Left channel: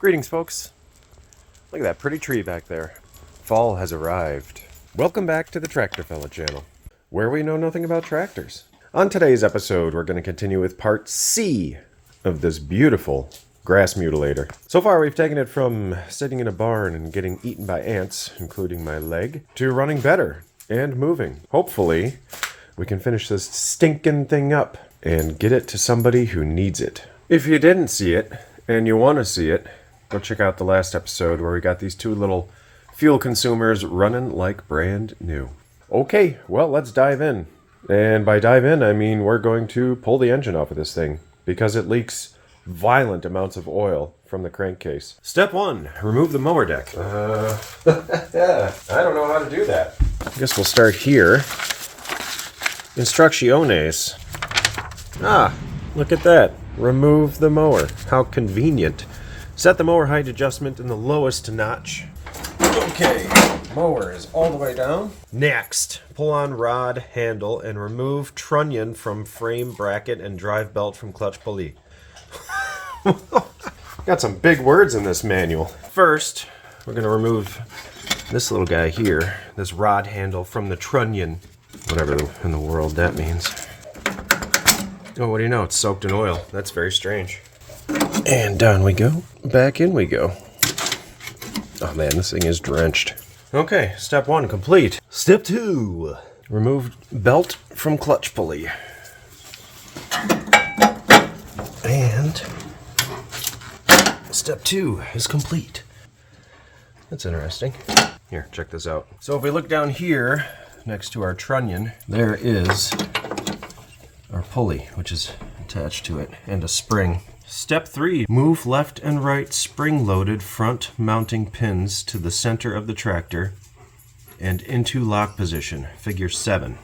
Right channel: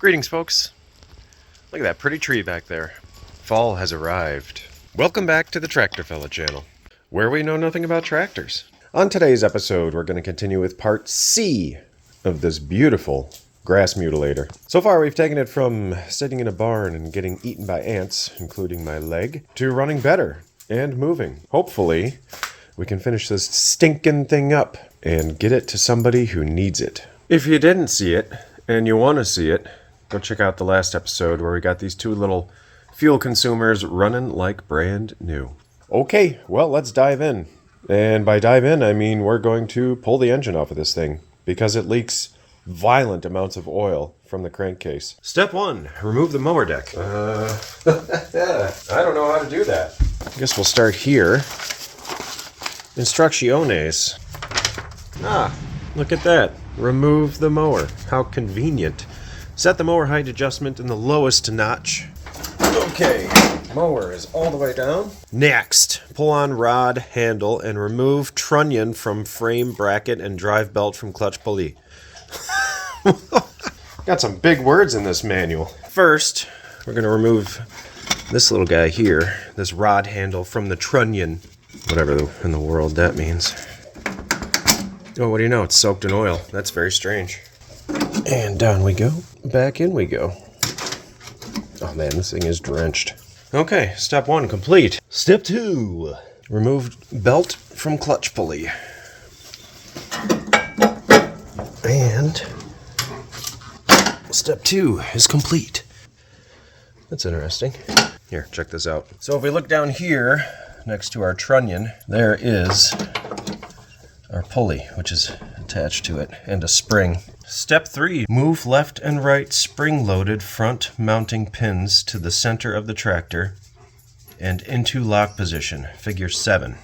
Greetings, folks. Look at that pretty tree back there. Fall has arrived. Welcome back to the TractorFella channel, where we know nothing about tractors. On today's episode, we're going to continue with part C of this beautiful grass mutilator. So far, we've taken it from sitting in a barn and getting eaten by ants, including my leg, to running better and moving. Hopefully, we can finish this stinking thing up and get it to somebody who needs it. If you didn't see it, and you want to see it, go check out the last episode where we got these two little fuel consumers running like brand new. Okay, well, let's dive in. And by dive in, I mean we're going to pull the engine off of this thing because it leaks violent amounts of oil from the crankcase. Step 1, remove the mower deck. I don't know how to do that. I guess we'll start here. Instrucciones. Look at that. Remove the mower. How convenient. Set the mower height adjustment in the lowest notch. Okay, mower is all the way down. Next, pull on rod handle and remove trunnion from frame bracket and drive belt from clutch pulley. Got some big words in this manual. First, we're going to remove this little guy here, this rod handle from the trunnion, whatever in the world that means. Oh, what do you know? It's soaked in oil. That's very strange. And down we go. Back in we go. Oh man, this thing is drenched. Okay, step 1 complete. Step 2. Remove belt from clutch pulley. And step 2 is complete. That's interesting. Here, check this out. So if we look down here, next to our trunnion, there is our pulley, which is attached to it, and a spring. Step 3, move left and right spring-loaded front mounting pins to the center of the tractor and into lock position, figure 7.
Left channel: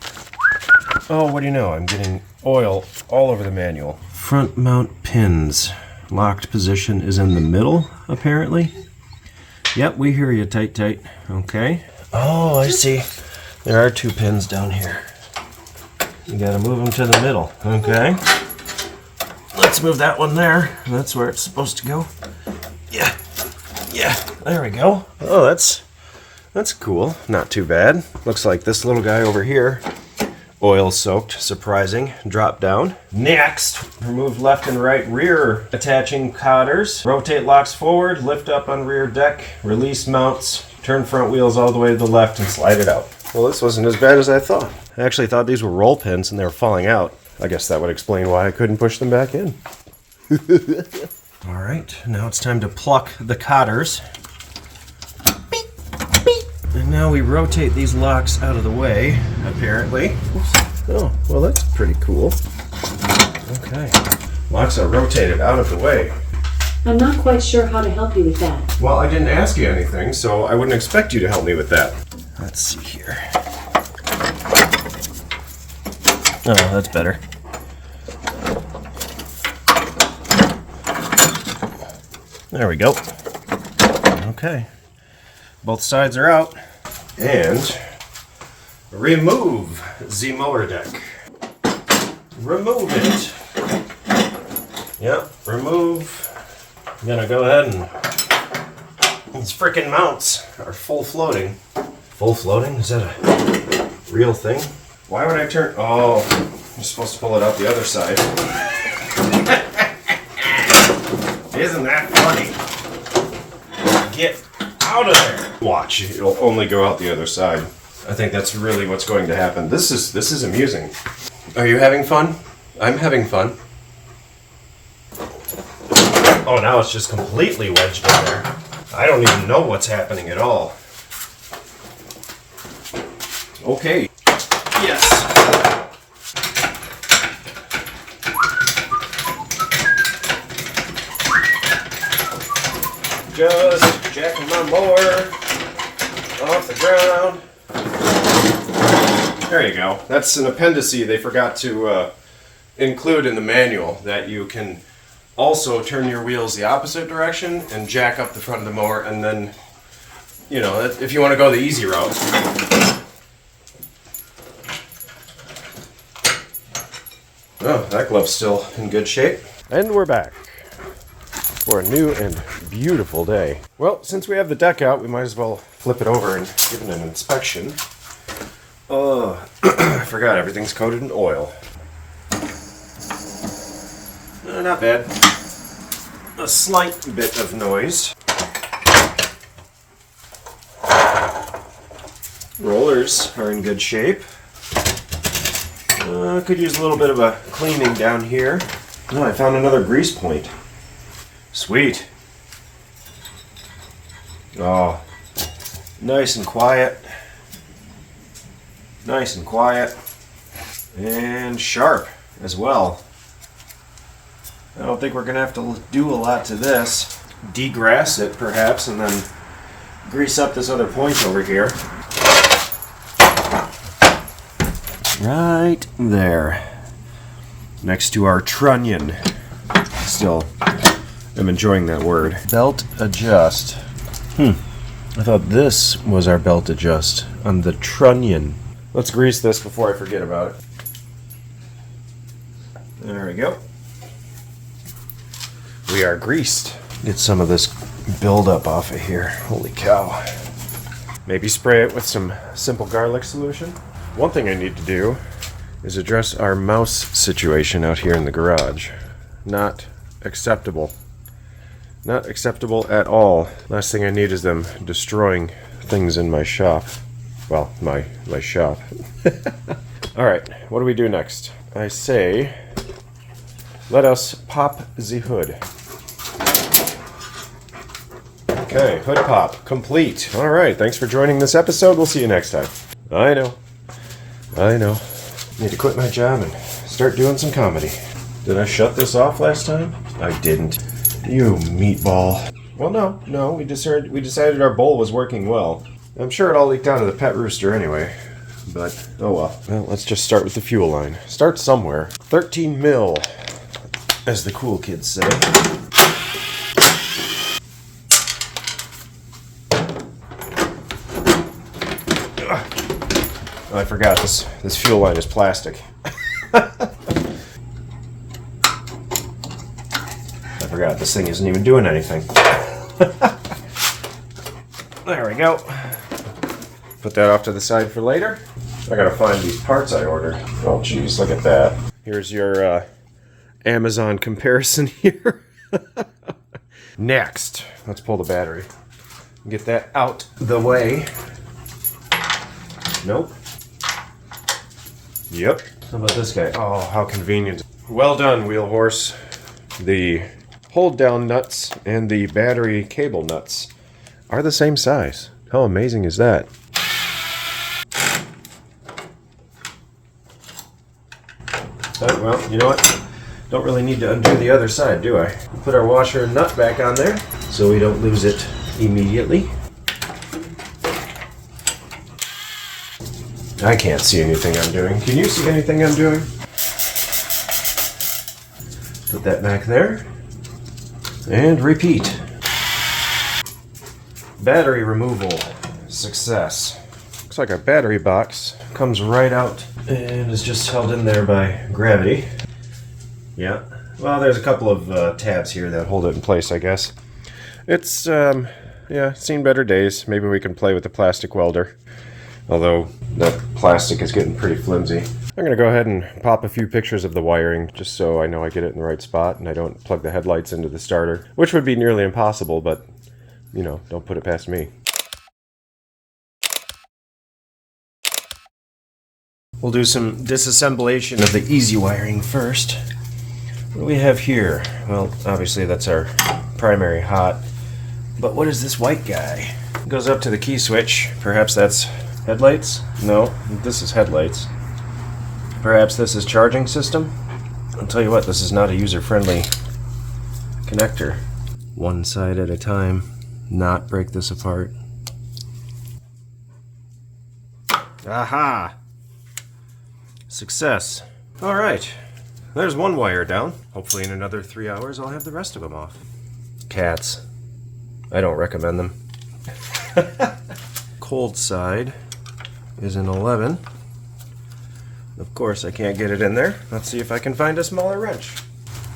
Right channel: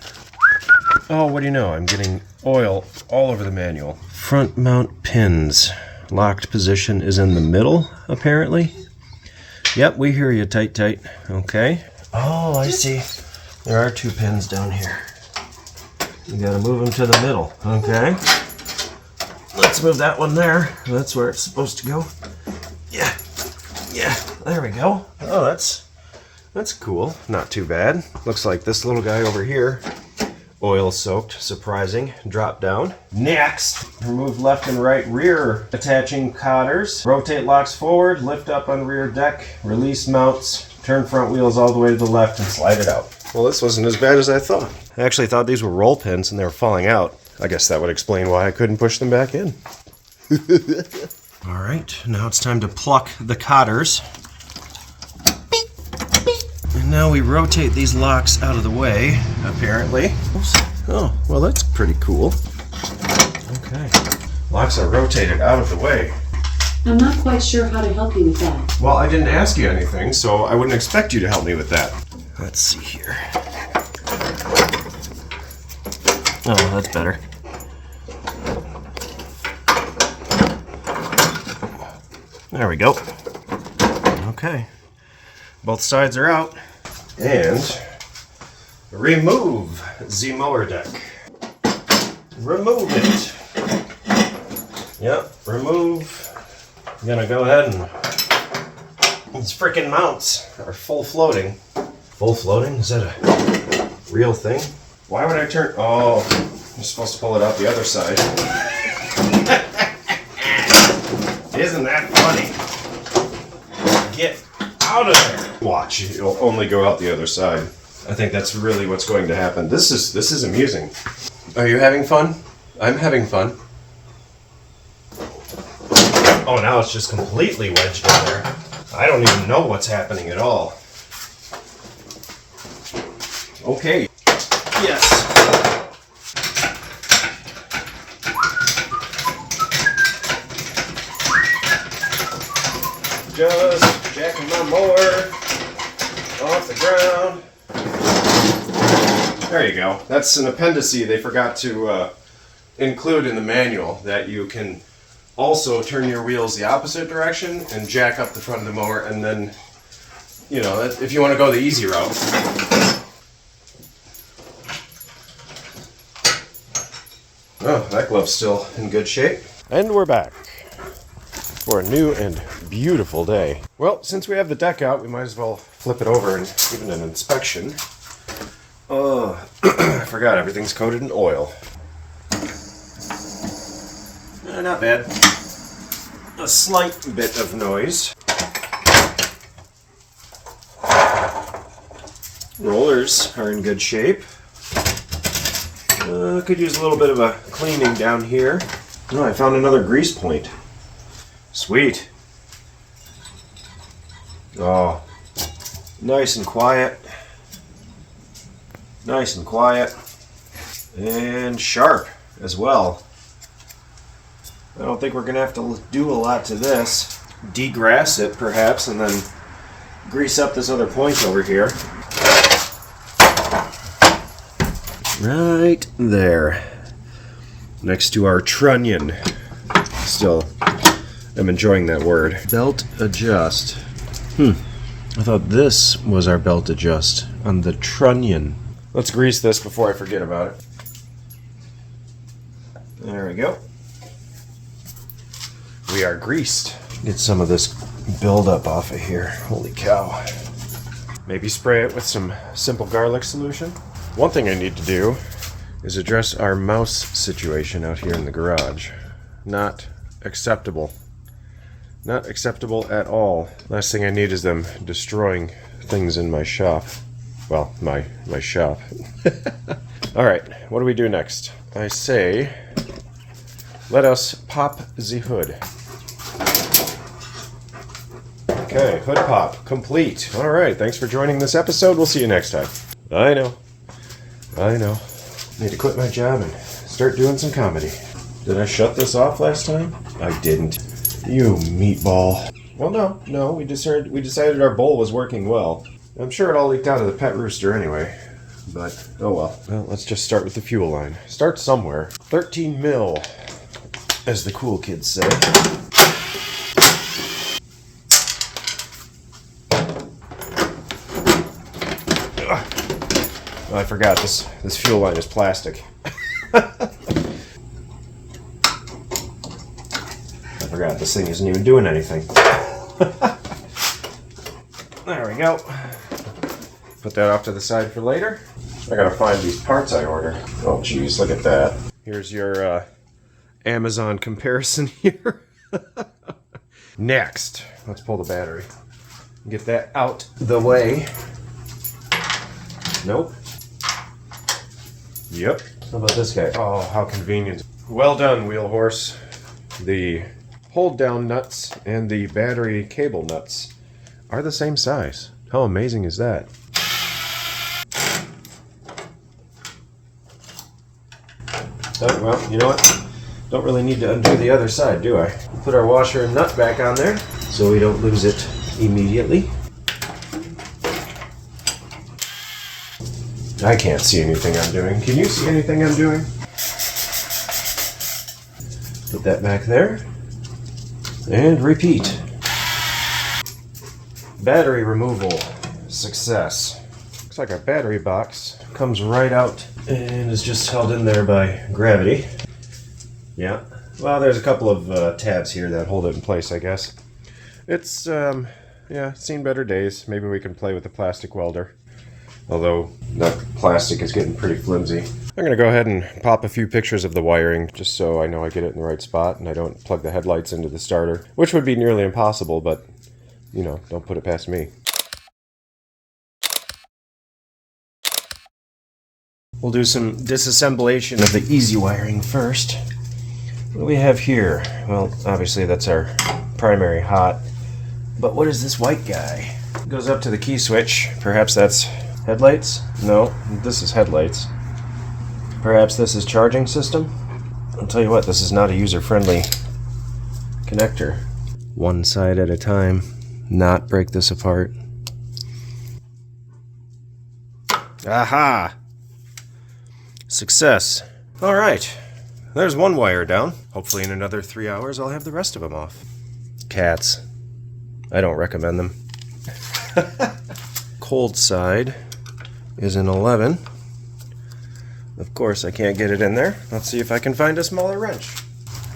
Oh, what do you know? I'm getting oil all over the manual. Front mount pins. Locked position is in the middle, apparently. Yep, we hear you, tight. Okay. Oh, I see. There are 2 pins down here. You gotta move them to the middle. Okay. Let's move that one there. That's where it's supposed to go. Yeah. There we go. Oh, that's cool. Not too bad. Looks like this little guy over here, oil soaked, surprising. Drop down. Next, remove left and right rear attaching cotters. Rotate locks forward, lift up on rear deck, release mounts, turn front wheels all the way to the left and slide it out. Well, this wasn't as bad as I thought. I actually thought these were roll pins and they were falling out. I guess that would explain why I couldn't push them back in. All right, now it's time to pluck the cotters. And now we rotate these locks out of the way, apparently. Oops. Oh, well, that's pretty cool. Okay. Locks are rotated out of the way. I'm not quite sure how to help you with that. Well, I didn't ask you anything, so I wouldn't expect you to help me with that. Let's see here. Oh, that's better. There we go. Okay. Both sides are out. And remove the mower deck. Remove it. Yep, remove. I'm gonna go ahead and these frickin' mounts are full floating. Full floating? Is that a real thing? Why would I turn? Oh, you're supposed to pull it out the other side. Isn't that funny? Get out of there. Watch, it'll only go out the other side. I think that's really what's going to happen. This is amusing. Are you having fun? I'm having fun. Oh, now it's just completely wedged in there. I don't even know what's happening at all. Okay. Yes. Just jacking my mower off the ground. There you go. That's an appendice they forgot to include in the manual, that you can also turn your wheels the opposite direction and jack up the front of the mower, and then, you know, if you want to go the easy route. Oh, that glove's still in good shape. And we're back for a new and beautiful day. Well, since we have the deck out, we might as well flip it over and give it an inspection. Oh, I forgot, everything's coated in oil. Not bad. A slight bit of noise. Rollers are in good shape. Could use a little bit of a cleaning down here. Oh, I found another grease point. Sweet. Oh, nice and quiet. Nice and quiet. And sharp as well. I don't think we're going to have to do a lot to this. Degrass it, perhaps, and then grease up this other point over here. Right there. Next to our trunnion. Still, I'm enjoying that word. Belt adjust. I thought this was our belt adjust on the trunnion. Let's grease this before I forget about it. There we go. We are greased. Get some of this buildup off of here. Holy cow. Maybe spray it with some simple garlic solution. One thing I need to do is address our mouse situation out here in the garage. Not acceptable. Not acceptable at all. Last thing I need is them destroying things in my shop. Well, my shop. Alright, what do we do next? I say, let us pop the hood. Okay, hood pop, complete. Alright, thanks for joining this episode. We'll see you next time. I know. Need to quit my job and start doing some comedy. Did I shut this off last time? I didn't. You meatball. Well, no, we decided our bowl was working well. I'm sure it all leaked out of the pet rooster anyway. But, oh well. Well, let's just start with the fuel line. Start somewhere. 13 mil, as the cool kids say. Oh, I forgot, this fuel line is plastic. I forgot, this thing isn't even doing anything. There we go. Put that off to the side for later. I gotta find these parts I ordered. Oh geez, look at that. Here's your Amazon comparison here. Next, let's pull the battery. Get that out the way. Nope. Yep. How about this guy? Oh, how convenient. Well done, wheel horse. The hold down nuts and the battery cable nuts are the same size. How amazing is that? Oh, well, you know what? Don't really need to undo the other side, do I? Put our washer and nut back on there so we don't lose it immediately. I can't see anything I'm doing. Can you see anything I'm doing? Put that back there. And repeat. Battery removal. Success. Looks like our battery box comes right out and is just held in there by gravity. Yeah. Well, there's a couple of tabs here that hold it in place, I guess. It's, yeah, seen better days. Maybe we can play with the plastic welder. Although that plastic is getting pretty flimsy. I'm going to go ahead and pop a few pictures of the wiring just so I know I get it in the right spot and I don't plug the headlights into the starter, which would be nearly impossible, but, you know, don't put it past me. We'll do some disassemblation of the easy wiring first. What do we have here? Well, obviously that's our primary hot. But what is this white guy? It goes up to the key switch. Perhaps that's headlights? No, this is headlights. Perhaps this is charging system? I'll tell you what, this is not a user-friendly connector. One side at a time, not break this apart. Aha! Success. Alright, there's one wire down. Hopefully in another 3 hours I'll have the rest of them off. Cats. I don't recommend them. Cold side is an 11. Of course I can't get it in there. Let's see if I can find a smaller wrench.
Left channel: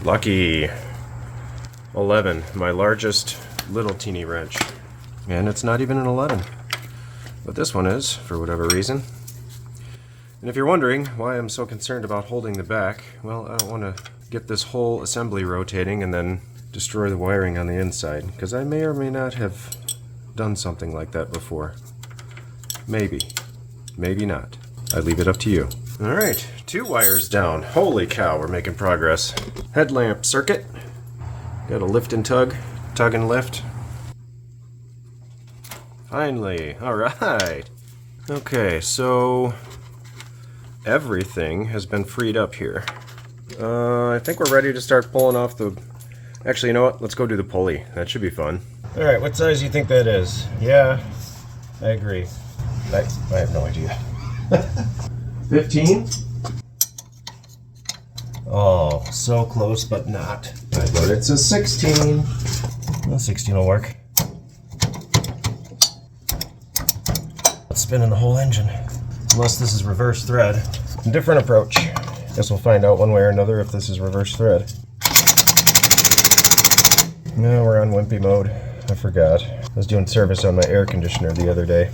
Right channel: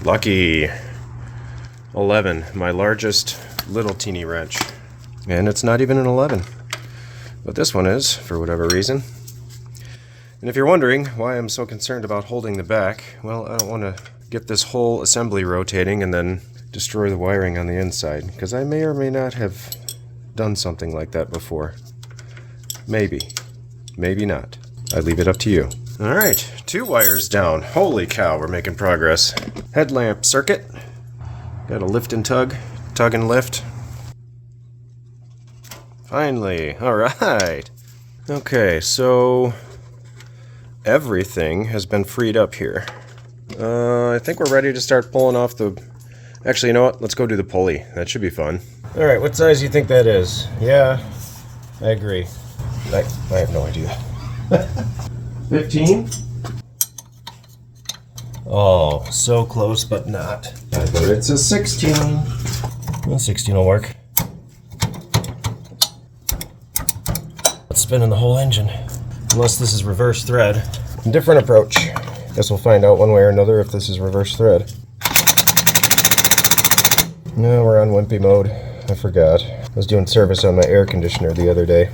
Lucky. 11, my largest little teeny wrench. And it's not even an 11. But this one is, for whatever reason. And if you're wondering why I'm so concerned about holding the back, well, I don't want to get this whole assembly rotating and then destroy the wiring on the inside, because I may or may not have done something like that before. Maybe. Maybe not. I leave it up to you. Alright, 2 wires down. Holy cow, we're making progress. Headlamp circuit. Got a lift and tug. Tug and lift. Finally. Alright. Okay, so everything has been freed up here. I think we're ready to start pulling off the... Actually, you know what? Let's go do the pulley. That should be fun. Alright, what size do you think that is? Yeah, I agree. I have no idea. 15? Oh, so close, but not. But it's a 16. Well, 16 will work. It's spinning the whole engine. Unless this is reverse thread. Different approach. Guess we'll find out one way or another if this is reverse thread. No, we're on wimpy mode. I forgot. I was doing service on my air conditioner the other day.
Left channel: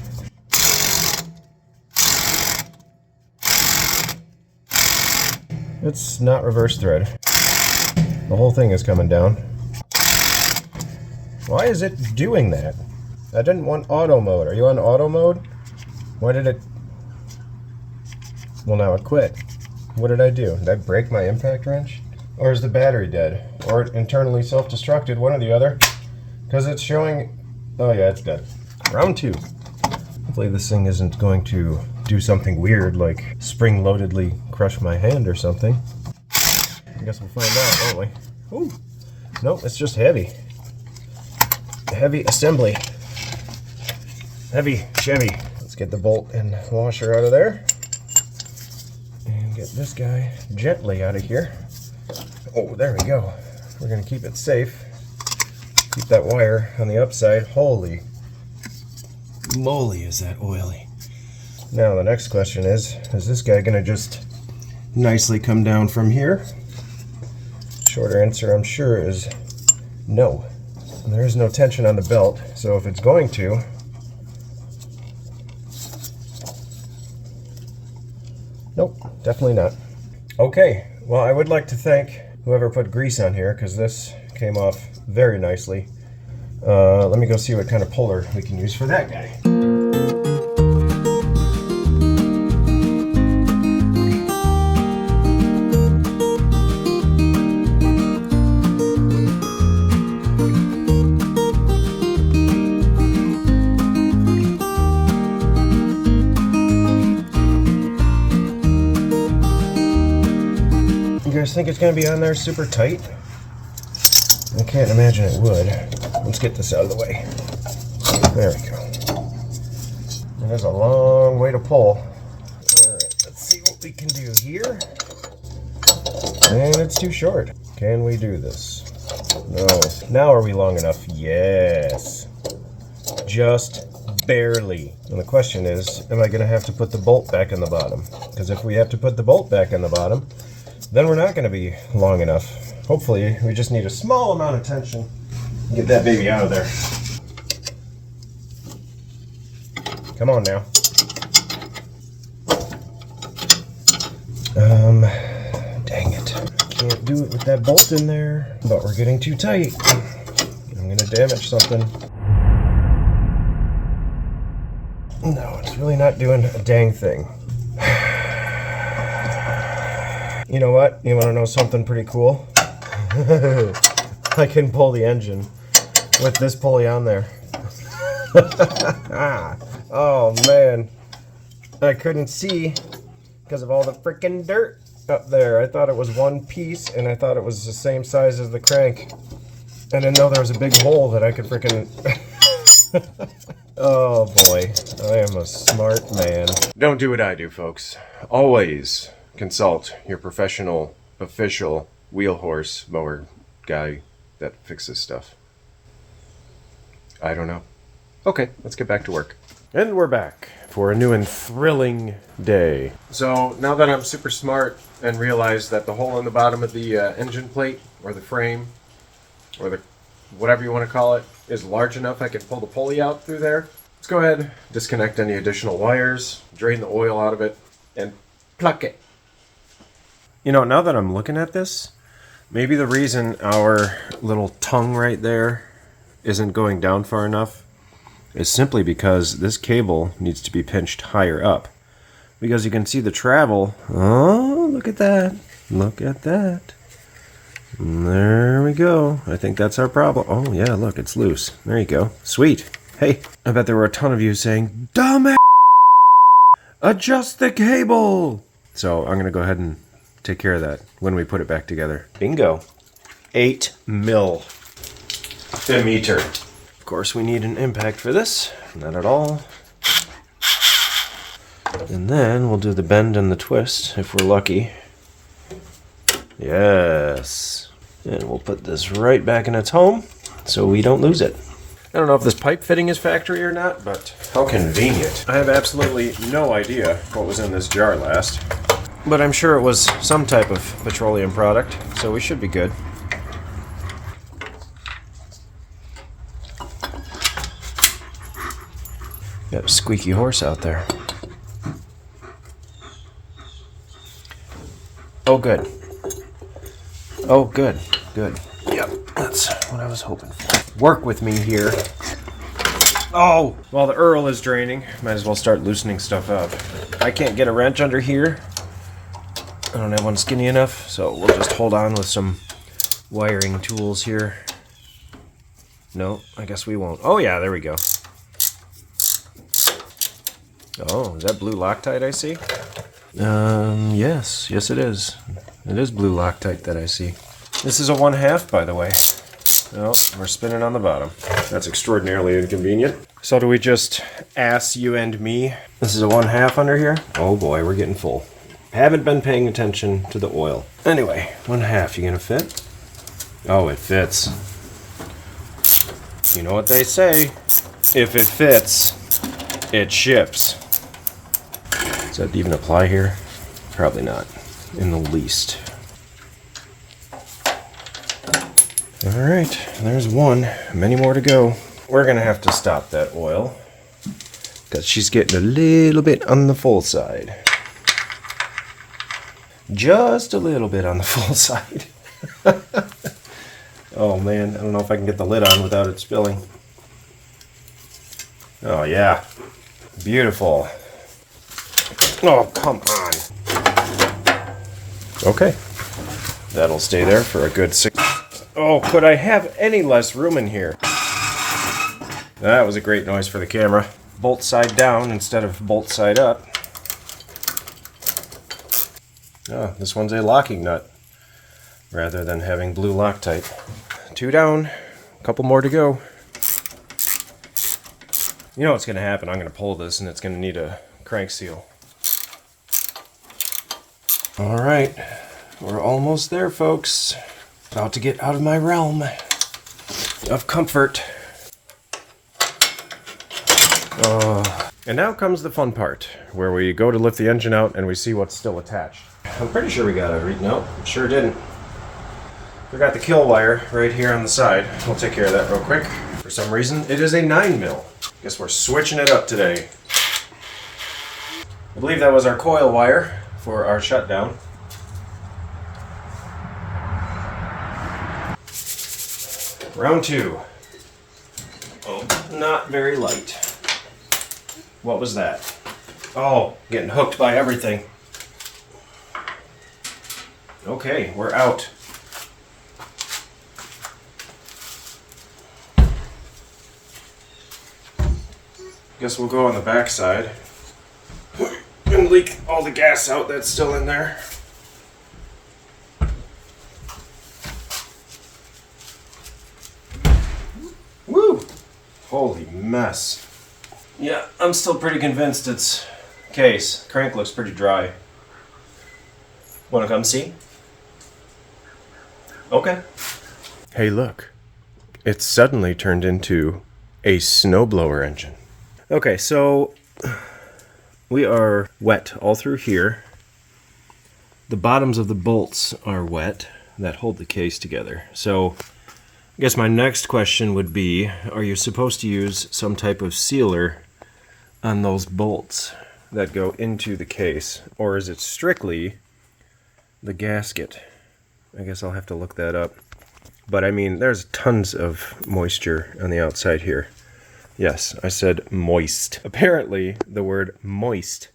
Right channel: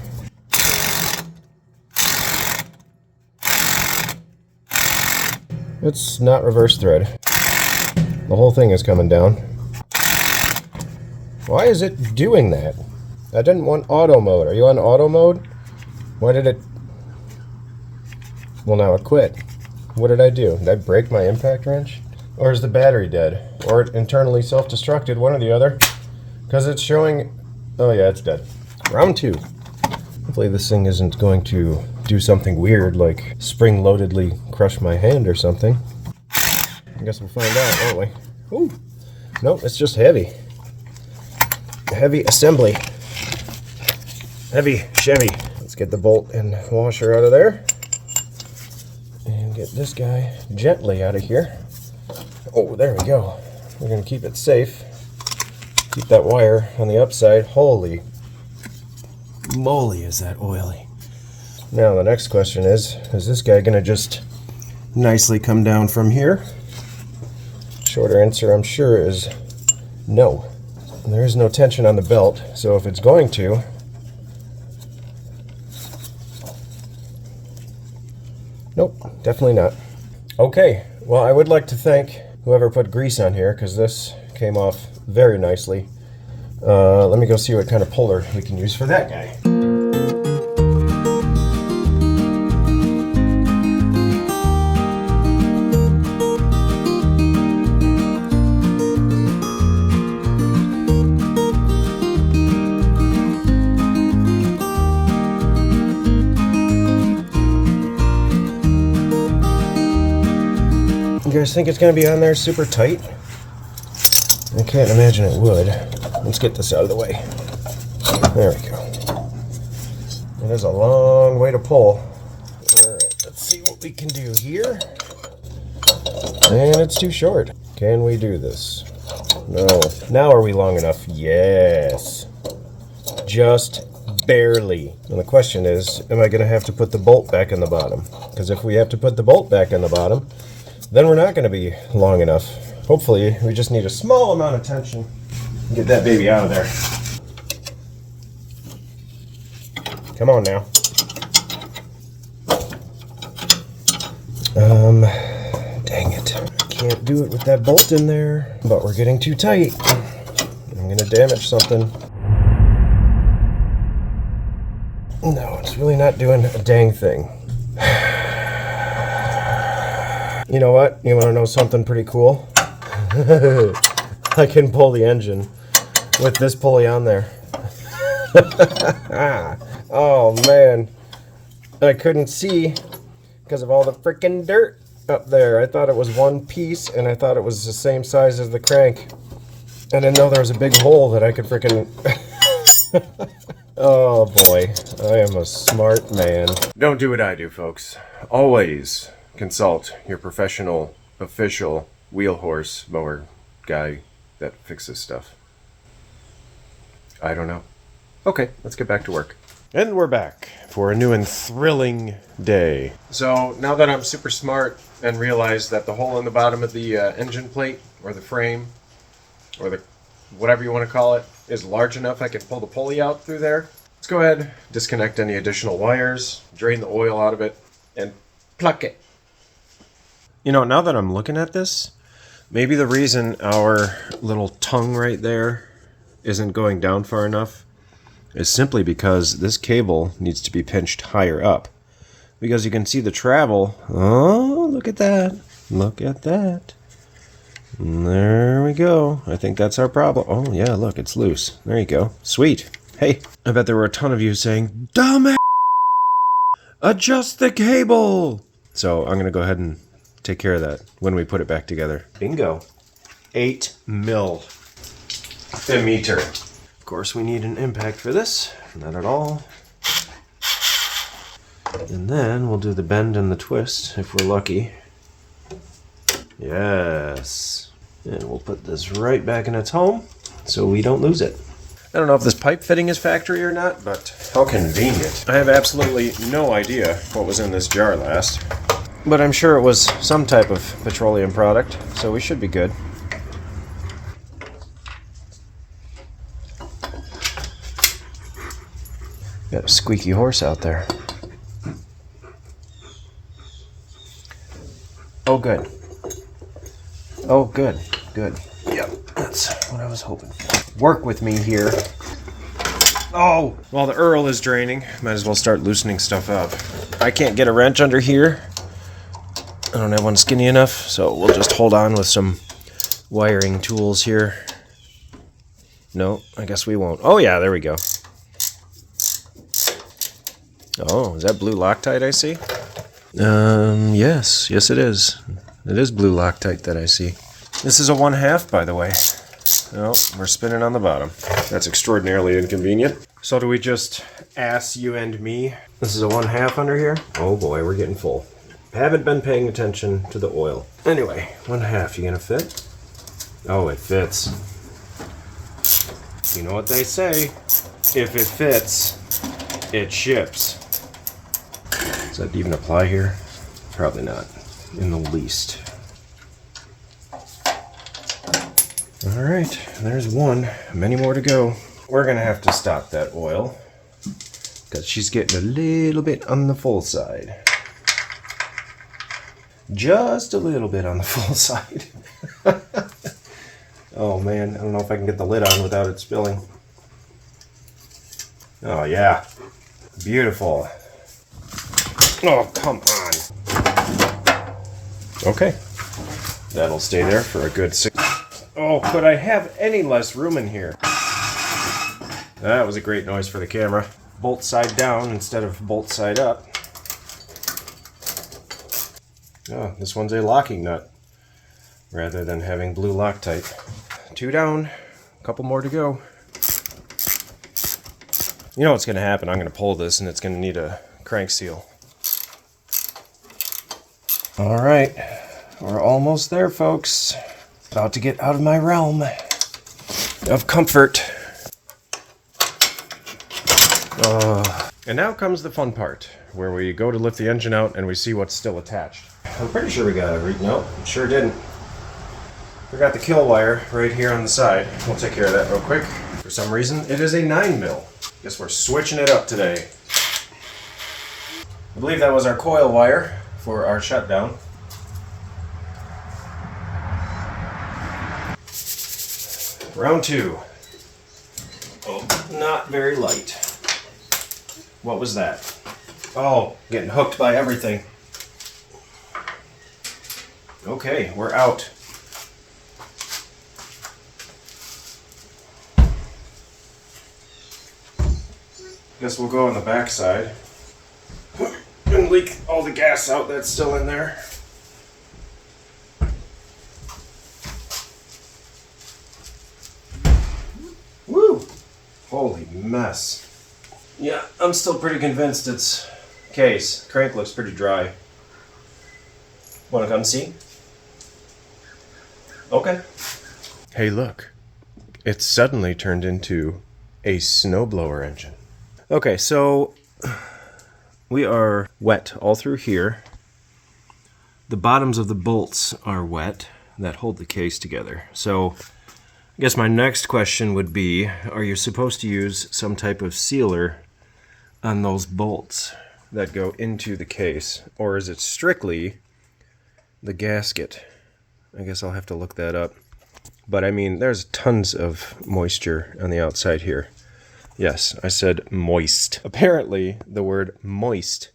It's not reverse thread. The whole thing is coming down. Why is it doing that? I didn't want auto mode. Are you on auto mode? Why did it... Well, now it quit. What did I do? Did I break my impact wrench? Or is the battery dead? Or it internally self-destructed, one or the other. Because it's showing... Oh yeah, it's dead. Round 2. Hopefully this thing isn't going to do something weird, like spring-loadedly crush my hand or something. I guess we'll find out, won't we? Ooh. Nope, it's just heavy. Heavy assembly. Heavy Chevy. Let's get the bolt and washer out of there. And get this guy gently out of here. Oh, there we go. We're going to keep it safe. Keep that wire on the upside. Holy moly, is that oily. Now the next question is this guy going to just nicely come down from here? Shorter answer, I'm sure, is no. And there is no tension on the belt, so if it's going to... Nope, definitely not. Okay, well, I would like to thank whoever put grease on here, because this came off very nicely. Let me go see what kind of puller we can use for that guy. You guys think it's going to be on there super tight? I can't imagine it would. Let's get this out of the way. There we go. It is a long way to pull. Alright, let's see what we can do here. And it's too short. Can we do this? No. Now are we long enough? Yes. Just barely. And the question is, am I going to have to put the bolt back in the bottom? Because if we have to put the bolt back in the bottom, then we're not going to be long enough. Hopefully, we just need a small amount of tension and get that baby out of there. Come on now. Dang it. I can't do it with that bolt in there, but we're getting too tight. I'm going to damage something. No, it's really not doing a dang thing. You know what? You want to know something pretty cool? I can pull the engine with this pulley on there. Oh man, I couldn't see because of all the freaking dirt up there. I thought it was one piece and I thought it was the same size as the crank. I didn't know there was a big hole that I could freaking... Oh boy, I am a smart man. Don't do what I do, folks. Always consult your professional, official wheel horse mower guy that fixes stuff. I don't know. Okay, let's get back to work. And we're back for a new and thrilling day. So now that I'm super smart and realize that the hole in the bottom of the engine plate or the frame or the whatever you want to call it is large enough I can pull the pulley out through there. Let's go ahead, disconnect any additional wires, drain the oil out of it, and pluck it. You know, now that I'm looking at this, maybe the reason our little tongue right there isn't going down far enough is simply because this cable needs to be pinched higher up. Because you can see the travel. Oh, look at that. Look at that. And there we go. I think that's our problem. Oh, yeah, look, it's loose. There you go. Sweet. Hey, I bet there were a ton of you saying, "Dumbass! Adjust the cable!" So I'm going to go ahead and take care of that when we put it back together. Bingo. 8 mil diameter. Of course, we need an impact for this. Not at all. And then we'll do the bend and the twist if we're lucky. Yes. And we'll put this right back in its home so we don't lose it. I don't know if this pipe fitting is factory or not, but how convenient. I have absolutely no idea what was in this jar last. But I'm sure it was some type of petroleum product, so we should be good. Got a squeaky horse out there. Oh, good. Oh, good. Good. Yep, that's what I was hoping for. Work with me here. Oh! While the Earl is draining, might as well start loosening stuff up. I can't get a wrench under here. I don't have one skinny enough, so we'll just hold on with some wiring tools here. No, I guess we won't. Oh yeah, there we go. Oh, is that blue Loctite I see? Yes it is. It is blue Loctite that I see. This is a 1/2, by the way. No, we're spinning on the bottom. That's extraordinarily inconvenient. So do we just ass you and me? This is a 1/2 under here? Oh boy, we're getting full. Haven't been paying attention to the oil. Anyway, 1/2, you gonna fit? Oh, it fits. You know what they say, if it fits, it ships. Does that even apply here? Probably not, in the least. All right, there's one, many more to go. We're gonna have to stop that oil because she's getting a little bit on the full side. Just a little bit on the full side. Oh man, I don't know if I can get the lid on without it spilling. Oh yeah, beautiful. Oh, come on. Okay, that'll stay there for a good 6. Oh, could I have any less room in here? That was a great noise for the camera. Bolt side down instead of bolt side up. Oh, this one's a locking nut rather than having blue Loctite. 2 down, a couple more to go. You know what's going to happen? I'm going to pull this and it's going to need a crank seal. All right, we're almost there, folks. About to get out of my realm of comfort. And now comes the fun part, where we go to lift the engine out and we see what's still attached. I'm pretty sure we got it. No, sure didn't. Forgot the kill wire right here on the side. We'll take care of that real quick. For some reason, it is a 9 mil. Guess we're switching it up today. I believe that was our coil wire for our shutdown. Round 2. Oh, not very light. What was that? Oh, getting hooked by everything. Okay, we're out. Guess we'll go on the back side and leak all the gas out that's still in there. Woo! Holy mess. Yeah, I'm still pretty convinced it's case. Crank looks pretty dry. Wanna come see? Okay. Hey, look. It's suddenly turned into a snowblower engine. Okay, so we are wet all through here. The bottoms of the bolts are wet that hold the case together. So I guess my next question would be, are you supposed to use some type of sealer on those bolts that go into the case, or is it strictly the gasket? I guess I'll have to look that up. But I mean, there's tons of moisture on the outside here. Yes, I said moist. Apparently, the word moist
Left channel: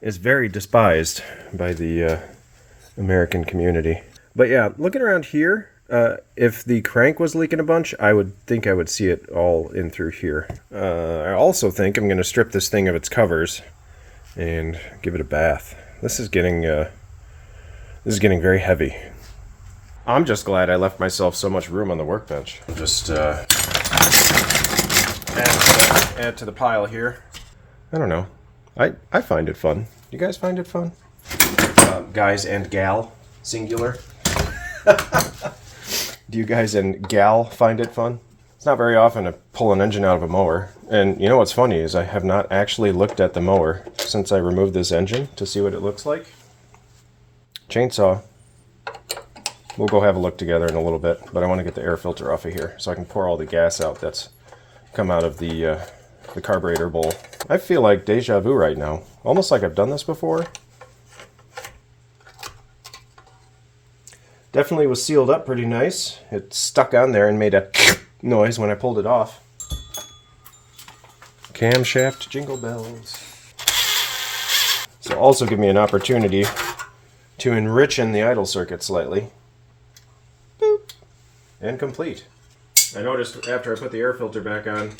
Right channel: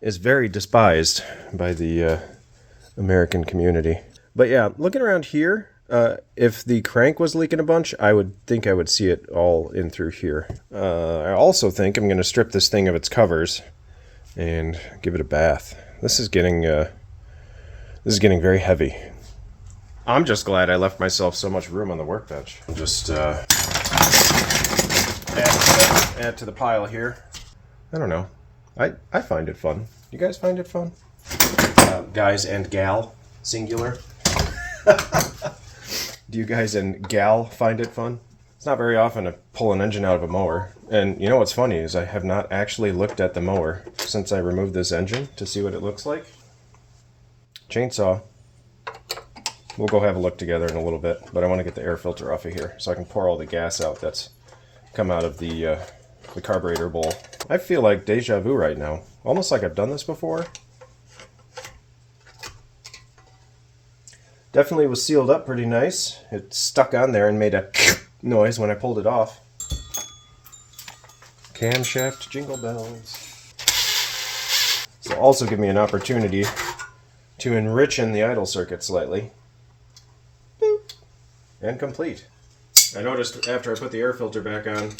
is very despised by the American community. But yeah, looking around here, if the crank was leaking a bunch, I would think I would see it all in through here. I also think I'm going to strip this thing of its covers and give it a bath. This is getting very heavy. I'm just glad I left myself so much room on the workbench. I'll just add to the pile here. I don't know. I find it fun. You guys find it fun? Guys and gal, singular. Do you guys and gal find it fun? It's not very often to pull an engine out of a mower. And you know what's funny is I have not actually looked at the mower since I removed this engine to see what it looks like. Chainsaw. We'll go have a look together in a little bit, but I want to get the air filter off of here so I can pour all the gas out that's come out of the carburetor bowl. I feel like deja vu right now. Almost like I've done this before. Definitely was sealed up pretty nice. It stuck on there and made a noise when I pulled it off. Camshaft jingle bells. This will also give me an opportunity to enrich in the idle circuit slightly. Boop. And complete. I noticed after I put the air filter back on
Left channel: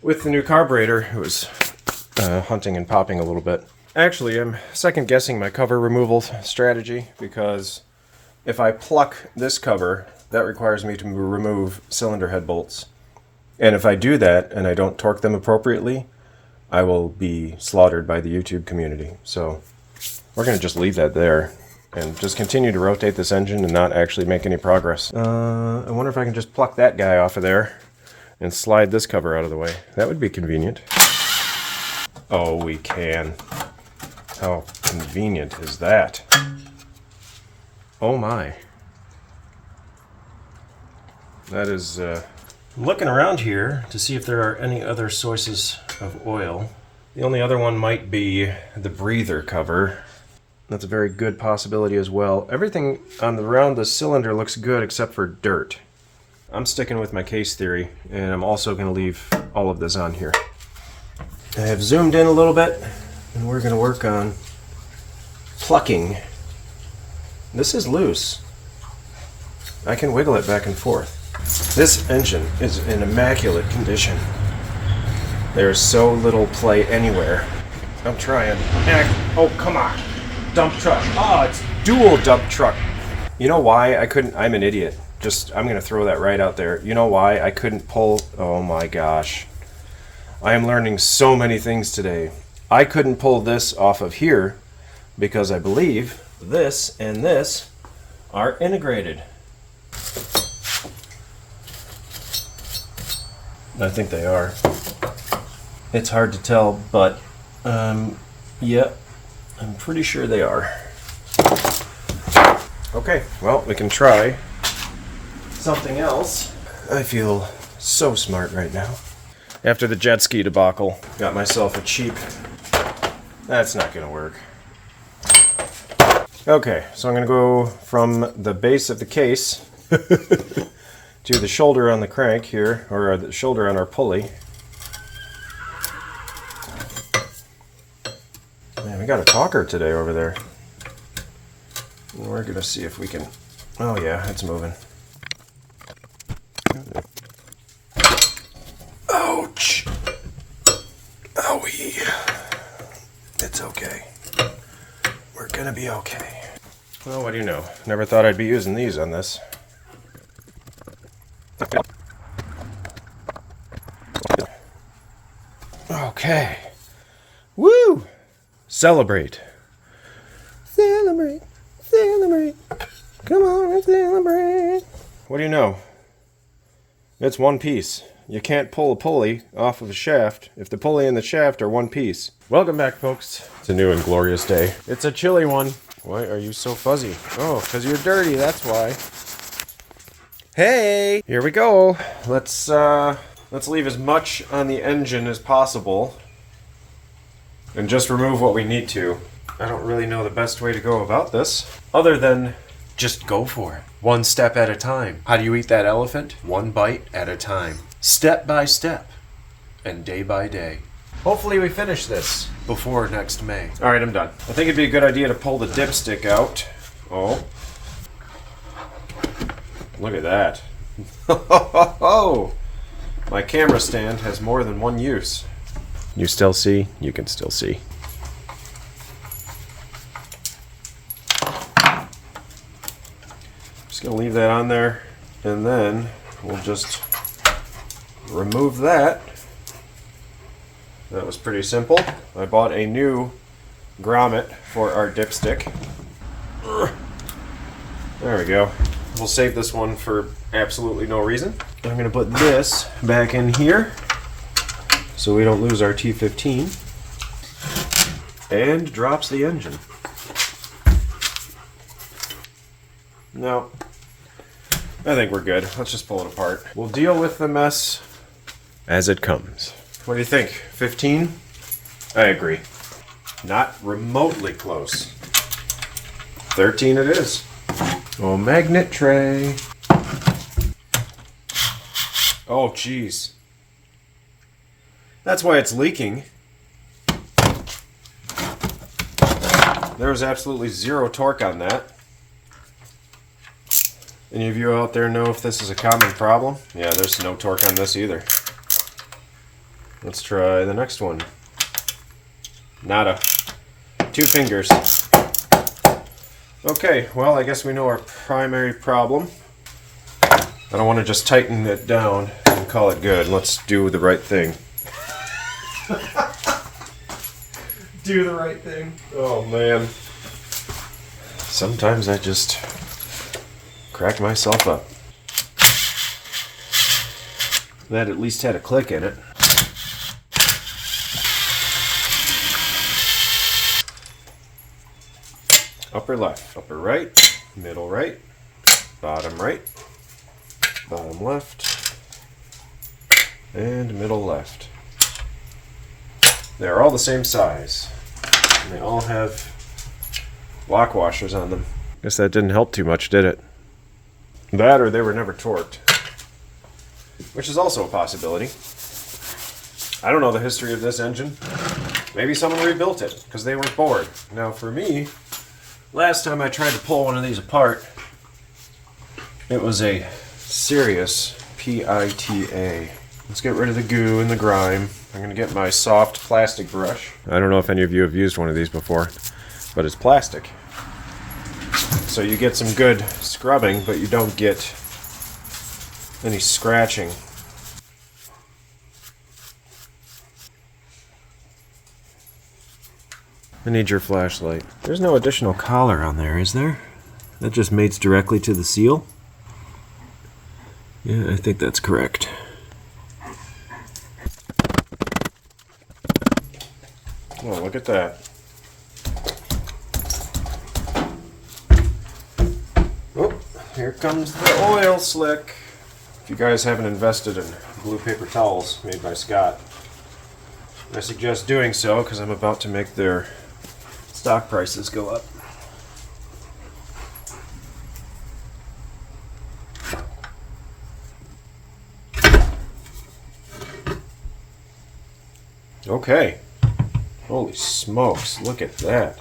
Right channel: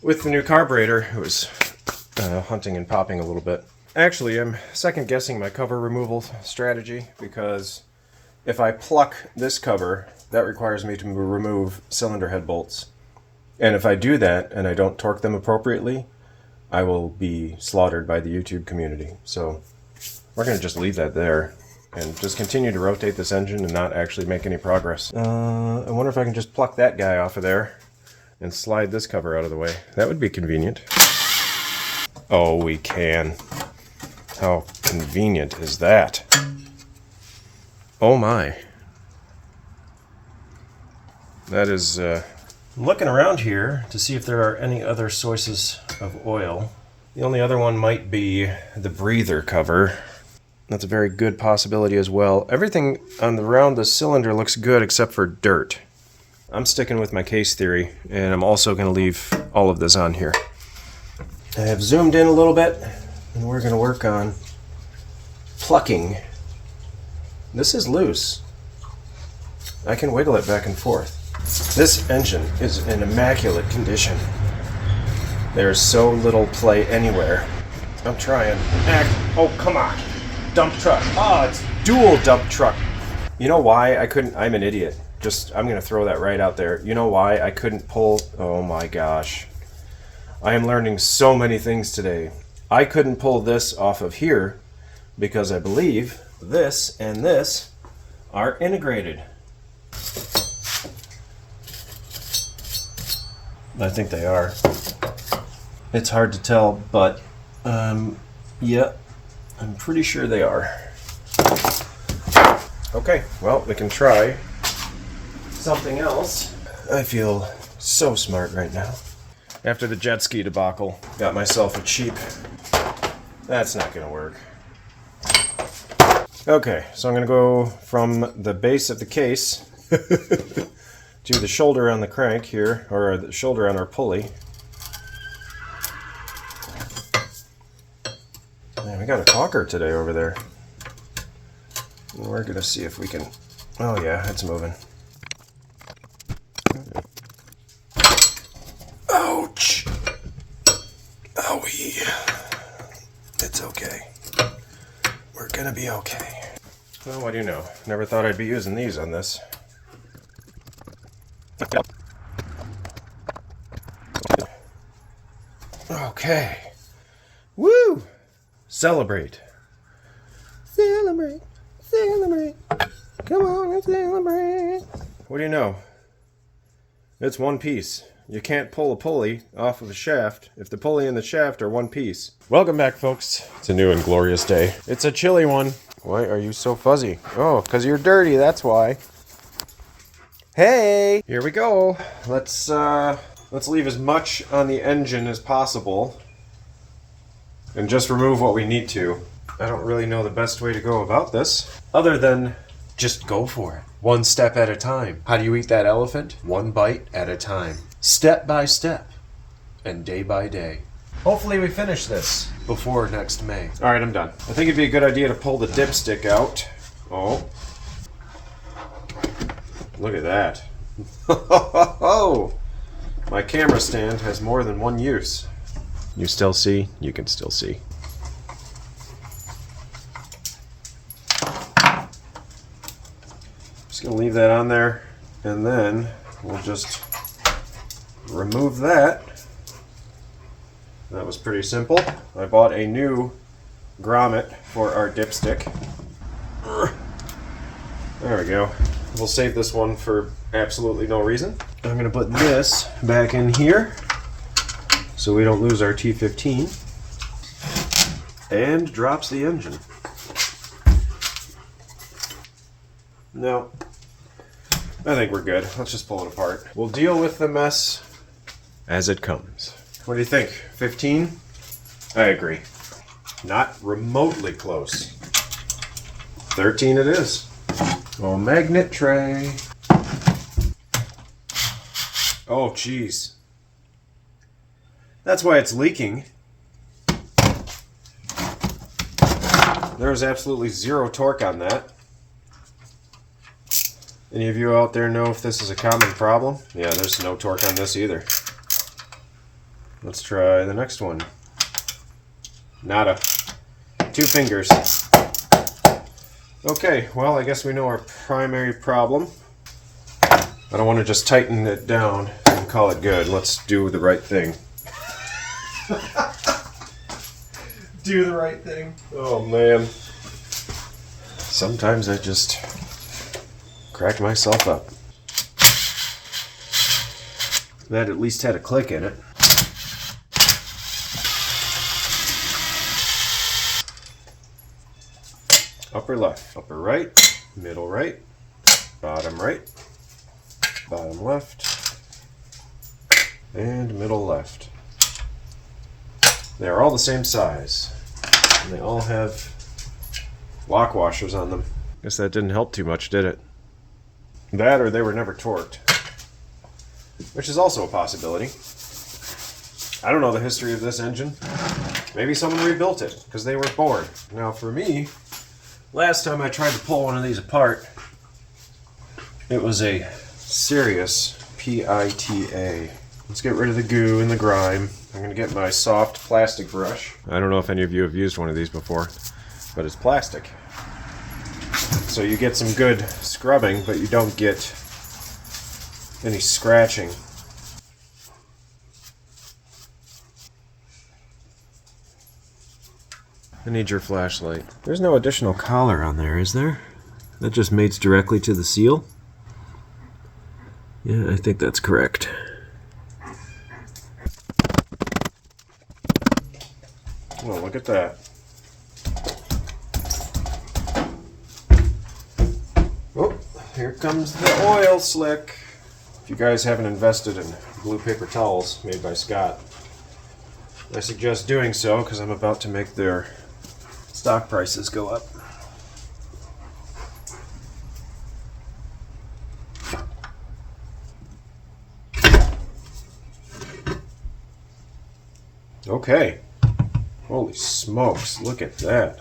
with the new carburetor, it was hunting and popping a little bit. Actually, I'm second guessing my cover removal strategy because if I pluck this cover, that requires me to remove cylinder head bolts. And if I do that and I don't torque them appropriately, I will be slaughtered by the YouTube community. So we're going to just leave that there and just continue to rotate this engine and not actually make any progress. I wonder if I can just pluck that guy off of there and slide this cover out of the way. That would be convenient. Oh, we can. How convenient is that? Oh my. That is, looking around here to see if there are any other sources of oil. The only other one might be the breather cover. That's a very good possibility as well. Everything around the cylinder looks good except for dirt. I'm sticking with my case theory, and I'm also going to leave all of this on here. I have zoomed in a little bit, and we're going to work on plucking. This is loose. I can wiggle it back and forth. This engine is in immaculate condition. There's so little play anywhere. I'm trying. Oh, come on. Dump truck. Oh, it's dual dump truck. You know why I couldn't? I'm an idiot. I'm going to throw that right out there. You know why I couldn't pull? Oh my gosh. I am learning so many things today. I couldn't pull this off of here because I believe this and this are integrated. I think they are. It's hard to tell, but yeah, I'm pretty sure they are. Okay, well, we can try something else. I feel so smart right now. After the jet ski debacle, got myself a cheap. That's not gonna work. Okay, so I'm gonna go from the base of the case to the shoulder on the crank here, or the shoulder on our pulley. Man, we got a talker today over there. And we're gonna see if we can. Oh yeah, it's moving. Ouch! Owie. It's okay. We're gonna be okay. Well, what do you know? Never thought I'd be using these on this. Okay. Woo! Celebrate. Celebrate. Celebrate. Come on and celebrate. What do you know? It's one piece. You can't pull a pulley off of a shaft if the pulley and the shaft are one piece. Welcome back, folks. It's a new and glorious day. It's a chilly one. Why are you so fuzzy? Oh, because you're dirty, that's why. Hey! Here we go. Let's leave as much on the engine as possible and just remove what we need to. I don't really know the best way to go about this, other than just go for it. One step at a time. How do you eat that elephant? One bite at a time. Step by step. And day by day. Hopefully we finish this before next May. Alright, I'm done. I think it'd be a good idea to pull the dipstick out. Oh. Look at that. Oh! My camera stand has more than one use. You still see? You can still see. Just gonna leave that on there, and then we'll just remove that. That was pretty simple. I bought a new grommet for our dipstick. There we go. We'll save this one for absolutely no reason. I'm gonna put this back in here so we don't lose our T15. And drops the engine. No, I think we're good. Let's just pull it apart. We'll deal with the mess as it comes. What do you think? 15? I agree. Not remotely close. 13 it is. Oh, magnet tray. Oh, jeez. That's why it's leaking. There's absolutely zero torque on that. Any of you out there know if this is a common problem? Yeah, there's no torque on this either. Let's try the next one. Nada. 2 fingers. Okay, well, I guess we know our primary problem. I don't want to just tighten it down and call it good. Let's do the right thing. Do the right thing. Oh, man. Sometimes I just crack myself up. That at least had a click in it. Upper left, upper right, middle right, bottom left, and middle left. They're all the same size, and they all have lock washers on them. Guess that didn't help too much, did it? That or they were never torqued, which is also a possibility. I don't know the history of this engine. Maybe someone rebuilt it because they were bored. Now for me, last time I tried to pull one of these apart, it was a serious PITA. Let's get rid of the goo and the grime. I'm going to get my soft plastic brush. I don't know if any of you have used one of these before, but it's plastic. So you get some good scrubbing, but you don't get any scratching. I need your flashlight. There's no additional collar on there, is there? That just mates directly to the seal? Yeah, I think that's correct. Oh, look at that. Oh, here comes the oil slick. If you guys haven't invested in blue paper towels made by Scott, I suggest doing so because I'm about to make their stock prices go up. Okay. Holy smokes, look at that.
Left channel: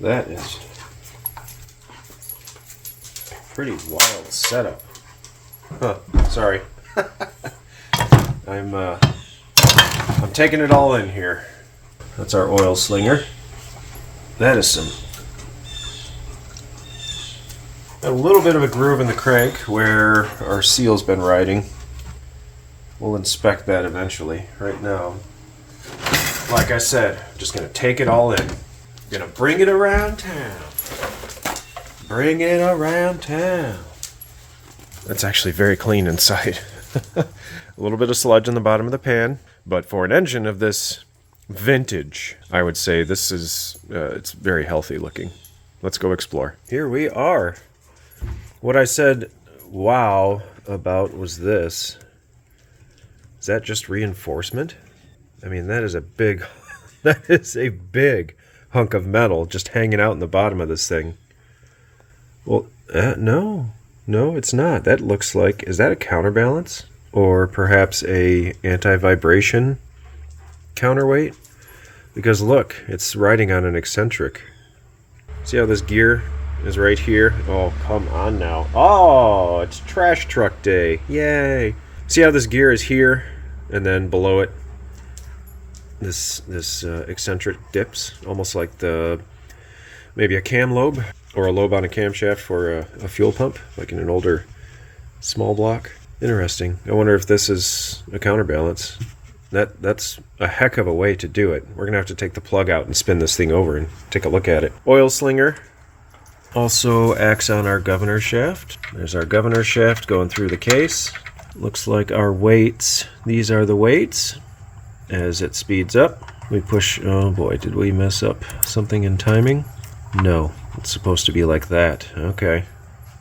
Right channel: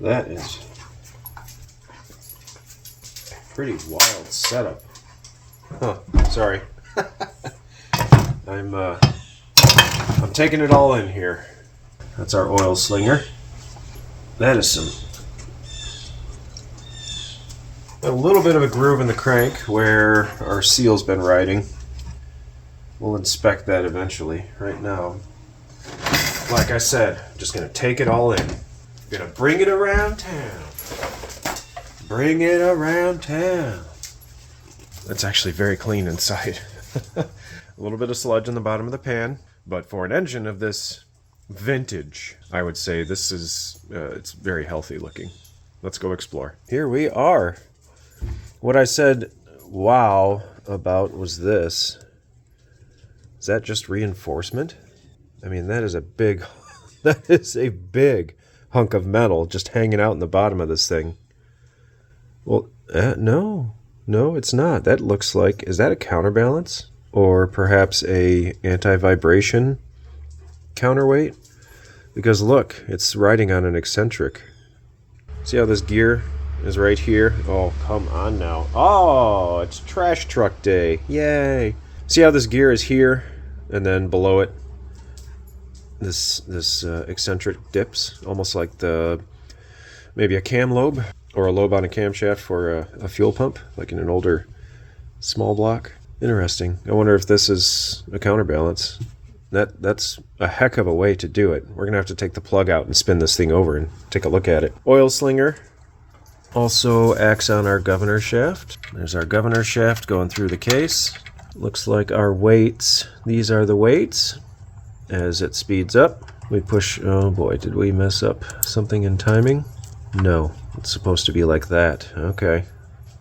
That is pretty wild setup. Huh, sorry. I'm taking it all in here. That's our oil slinger. That is a little bit of a groove in the crank where our seal's been riding. We'll inspect that eventually. Right now, like I said, I'm just gonna take it all in. I'm gonna bring it around town. Bring it around town. That's actually very clean inside. A little bit of sludge in the bottom of the pan, but for an engine of this vintage, I would say this is it's very healthy looking. let's go explore. Here we are. What I said wow about was this. Is that just reinforcement? I mean, that is a big, that is a big hunk of metal just hanging out in the bottom of this thing. Well, no, it's not. That looks like, is that a counterbalance? Or perhaps a anti-vibration counterweight? Because look, it's riding on an eccentric. See how this gear is right here? Oh, come on now. Oh, it's trash truck day. Yay. See how this gear is here? And then below it, this eccentric dips, almost like maybe a cam lobe or a lobe on a camshaft for a fuel pump, like in an older small block. Interesting. I wonder if this is a counterbalance. That's a heck of a way to do it. We're gonna have to take the plug out and spin this thing over and take a look at it. Oil slinger also acts on our governor shaft. There's our governor shaft going through the case. Looks like our weights, these are the weights. As it speeds up, we push, oh boy, did we mess up something in timing? No, it's supposed to be like that. Okay,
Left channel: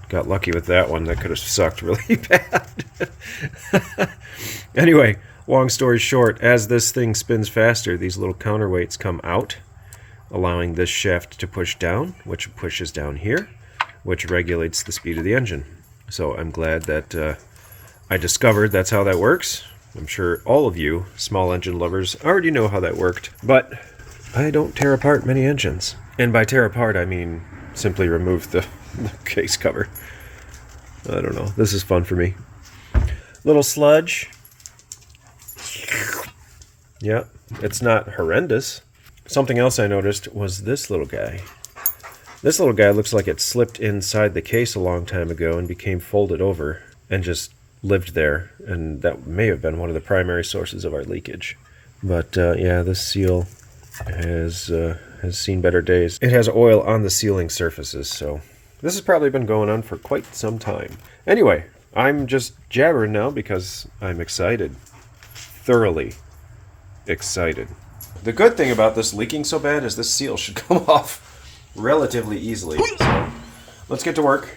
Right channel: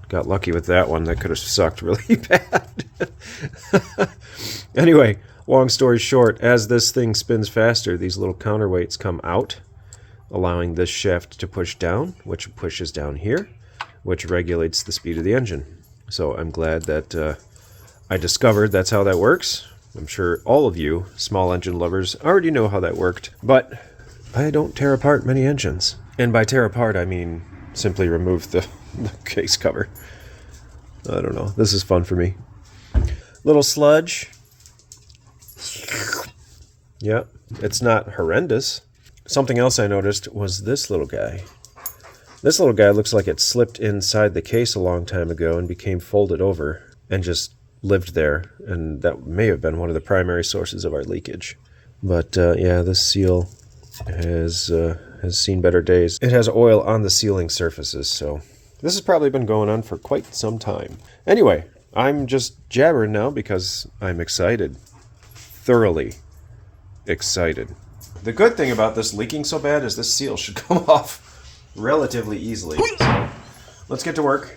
got lucky with that one. That could have sucked really bad. Anyway, long story short, as this thing spins faster, these little counterweights come out, allowing this shaft to push down, which pushes down here, which regulates the speed of the engine. So I'm glad that I discovered that's how that works. I'm sure all of you small engine lovers already know how that worked, but I don't tear apart many engines. And by tear apart, I mean simply remove the case cover. I don't know. This is fun for me. Little sludge. Yep, it's not horrendous. Something else I noticed was this little guy. This little guy looks like it slipped inside the case a long time ago and became folded over and just lived there, and that may have been one of the primary sources of our leakage. But yeah, this seal has seen better days. It has oil on the sealing surfaces, so this has probably been going on for quite some time. Anyway, I'm just jabbering now because I'm excited. Thoroughly excited. The good thing about this leaking so bad is this seal should come off relatively easily. So let's get to work.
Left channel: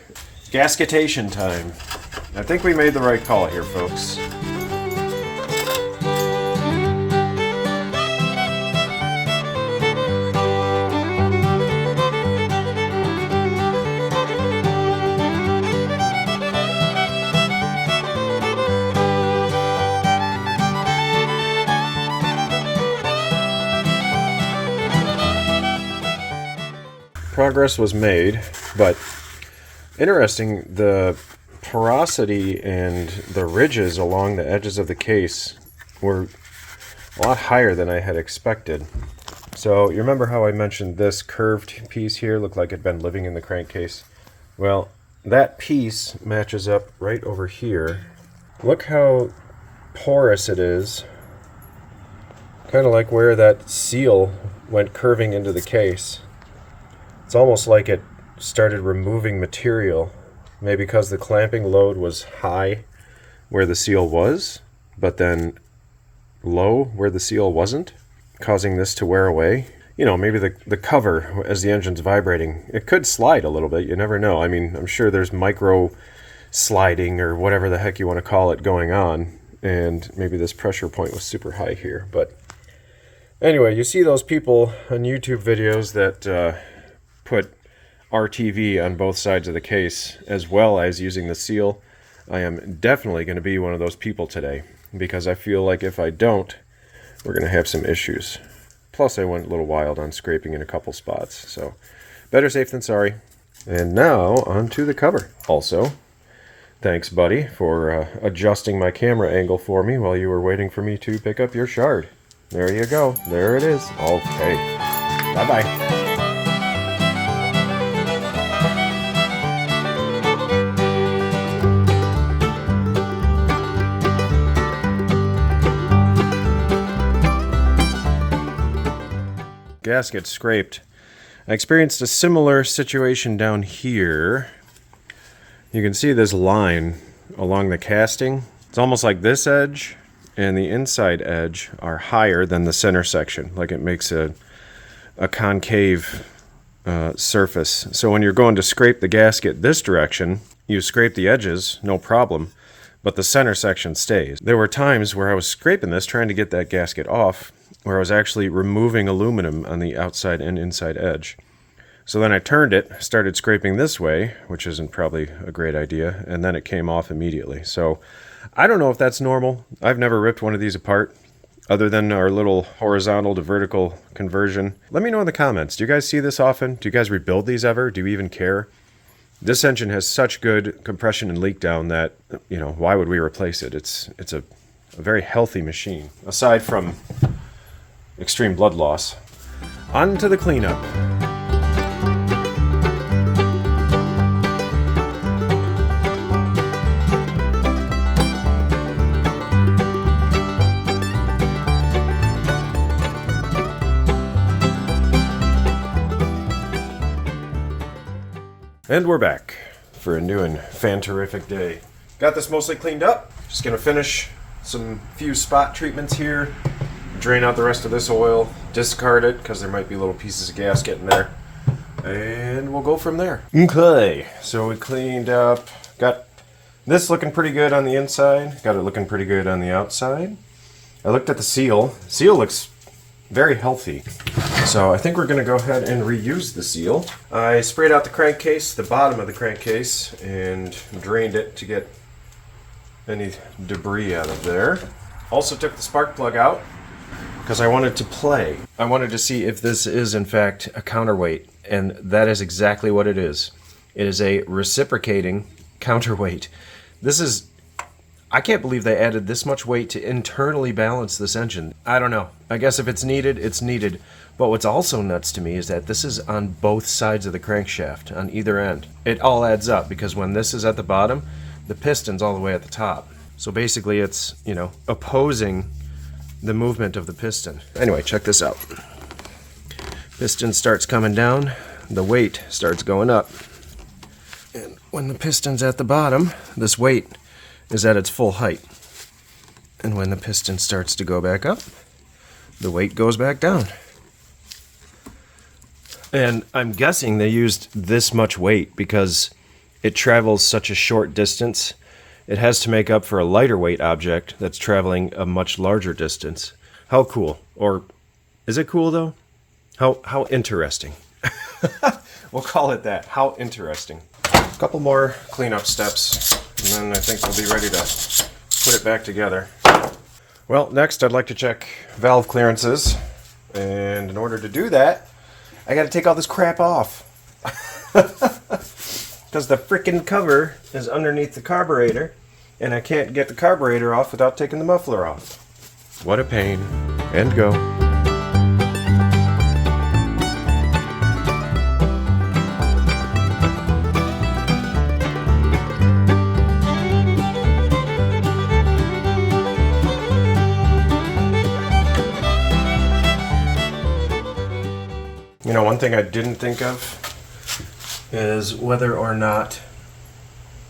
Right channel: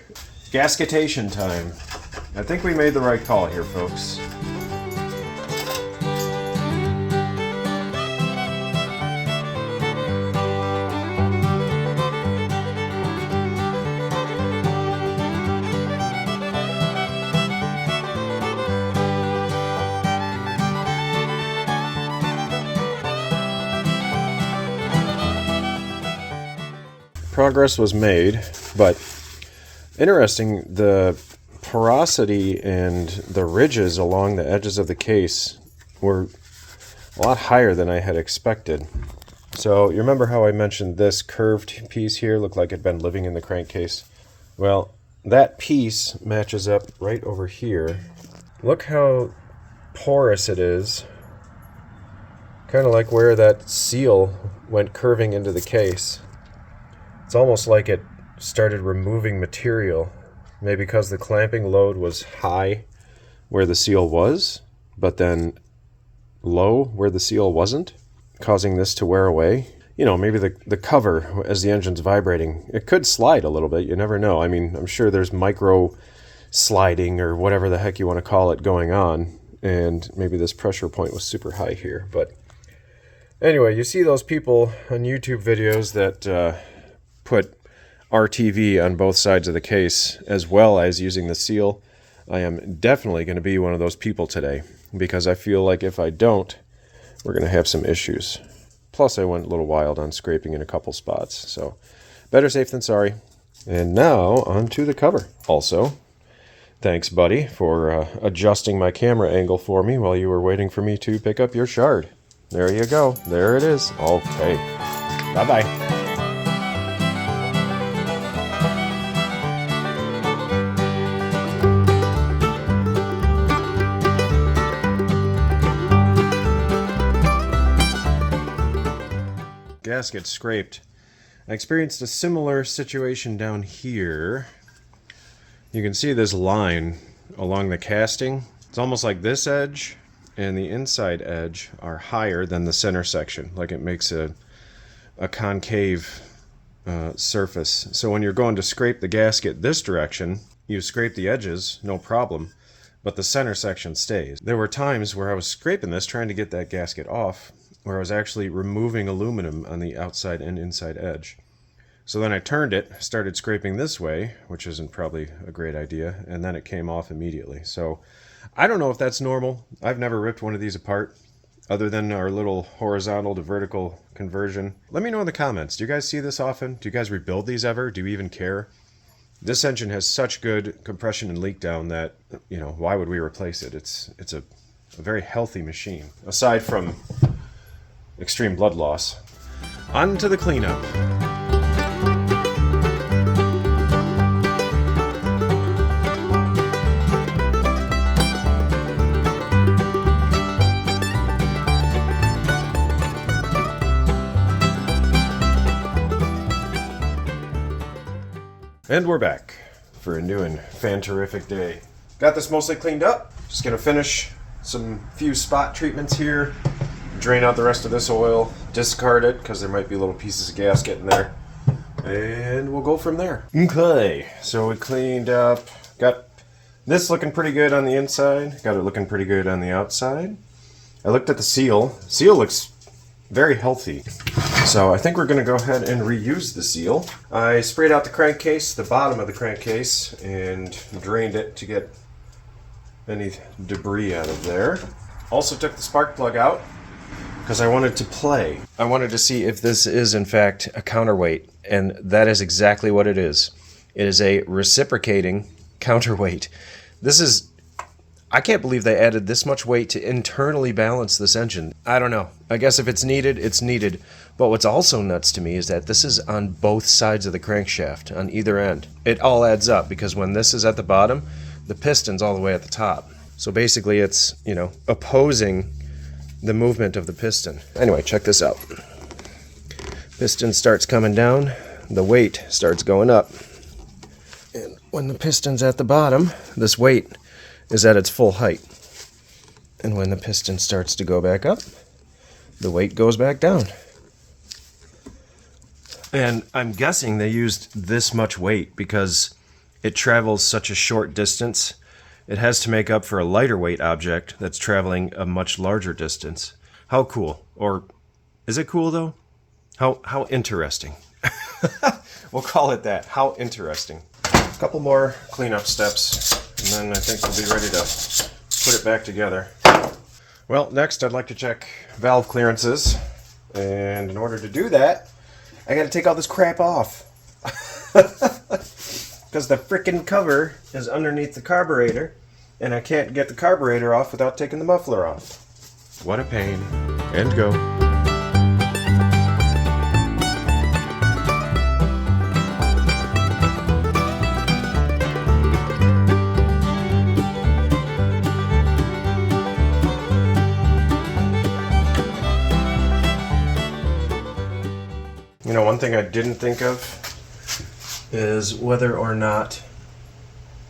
Gasketation time. I think we made the right call here, folks. Progress was made, but interesting, the porosity and the ridges along the edges of the case were a lot higher than I had expected. So you remember how I mentioned this curved piece here looked like it had been living in the crankcase? Well, that piece matches up right over here. Look how porous it is. Kind of like where that seal went curving into the case. It's almost like it started removing material, maybe because the clamping load was high where the seal was, but then low where the seal wasn't, causing this to wear away. You know, maybe the cover, as the engine's vibrating, it could slide a little bit. You never know. I mean, I'm sure there's micro sliding or whatever the heck you want to call it going on, and maybe this pressure point was super high here. But anyway, you see those people on YouTube videos that put RTV on both sides of the case, as well as using the seal. I am definitely going to be one of those people today, because I feel like if I don't, we're going to have some issues. Plus, I went a little wild on scraping in a couple spots, so better safe than sorry. And now, onto the cover. Also, thanks, buddy, for adjusting my camera angle for me while you were waiting for me to pick up your shard. There you go. There it is. Okay. Bye-bye. Gasket scraped. I experienced a similar situation down here. You can see this line along the casting. It's almost like this edge and the inside edge are higher than the center section. Like it makes a concave surface. So when you're going to scrape the gasket this direction, you scrape the edges, no problem, but the center section stays. There were times where I was scraping this, trying to get that gasket off, where I was actually removing aluminum on the outside and inside edge. So then I turned it, started scraping this way, which isn't probably a great idea, and then it came off immediately. So I don't know if that's normal. I've never ripped one of these apart, other than our little horizontal to vertical conversion. Let me know in the comments. Do you guys see this often? Do you guys rebuild these ever? Do you even care? This engine has such good compression and leak down that, you know, why would we replace it? It's a very healthy machine, aside from extreme blood loss. On to the cleanup. And we're back for a new and fan-terrific day. Got this mostly cleaned up. Just gonna finish some few spot treatments here. Drain out the rest of this oil. Discard it, because there might be little pieces of gasket in there. And we'll go from there. Okay, so we cleaned up. Got this looking pretty good on the inside. Got it looking pretty good on the outside. I looked at the seal. Seal looks very healthy. So I think we're going to go ahead and reuse the seal. I sprayed out the crankcase, the bottom of the crankcase, and drained it to get any debris out of there. Also took the spark plug out because I wanted to play. I wanted to see if this is in fact a counterweight, and that is exactly what it is. It is a reciprocating counterweight. This is... I can't believe they added this much weight to internally balance this engine. I don't know. I guess if it's needed, it's needed. But what's also nuts to me is that this is on both sides of the crankshaft, on either end. It all adds up, because when this is at the bottom, the piston's all the way at the top. So basically it's, you know, opposing the movement of the piston. Anyway, check this out. Piston starts coming down, the weight starts going up. And when the piston's at the bottom, this weight is at its full height. And when the piston starts to go back up, the weight goes back down. And I'm guessing they used this much weight because it travels such a short distance. It has to make up for a lighter weight object that's traveling a much larger distance. How cool. Or is it cool though? How interesting. We'll call it that. How interesting. A couple more cleanup steps, and then I think we'll be ready to put it back together. Well, next I'd like to check valve clearances, and in order to do that, I gotta take all this crap off. Because the frickin' cover is underneath the carburetor, and I can't get the carburetor off without taking the muffler off. What a pain. And go. You know, one thing I didn't think of is whether or not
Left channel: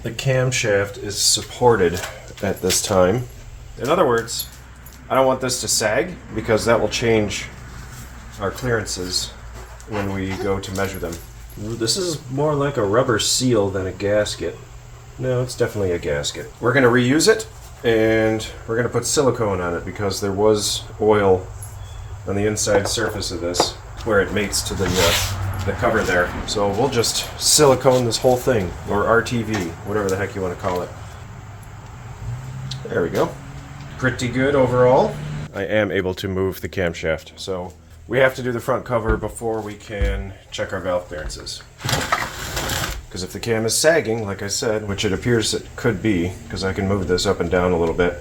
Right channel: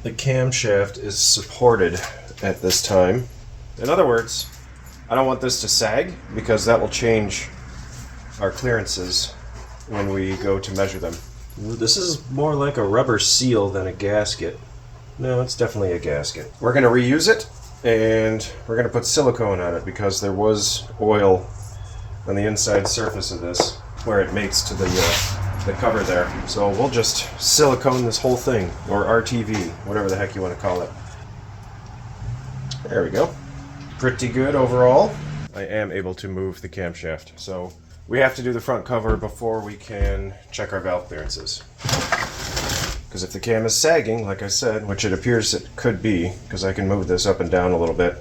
the camshaft is supported at this time. In other words, I don't want this to sag because that will change our clearances when we go to measure them. This is more like a rubber seal than a gasket. No, it's definitely a gasket. We're going to reuse it, and we're going to put silicone on it because there was oil on the inside surface of this where it mates to the cover there. So we'll just silicone this whole thing, or RTV, whatever the heck you want to call it. There we go. Pretty good overall. I am able to move the camshaft, so we have to do the front cover before we can check our valve clearances. Because if the cam is sagging, like I said, which it appears it could be, because I can move this up and down a little bit,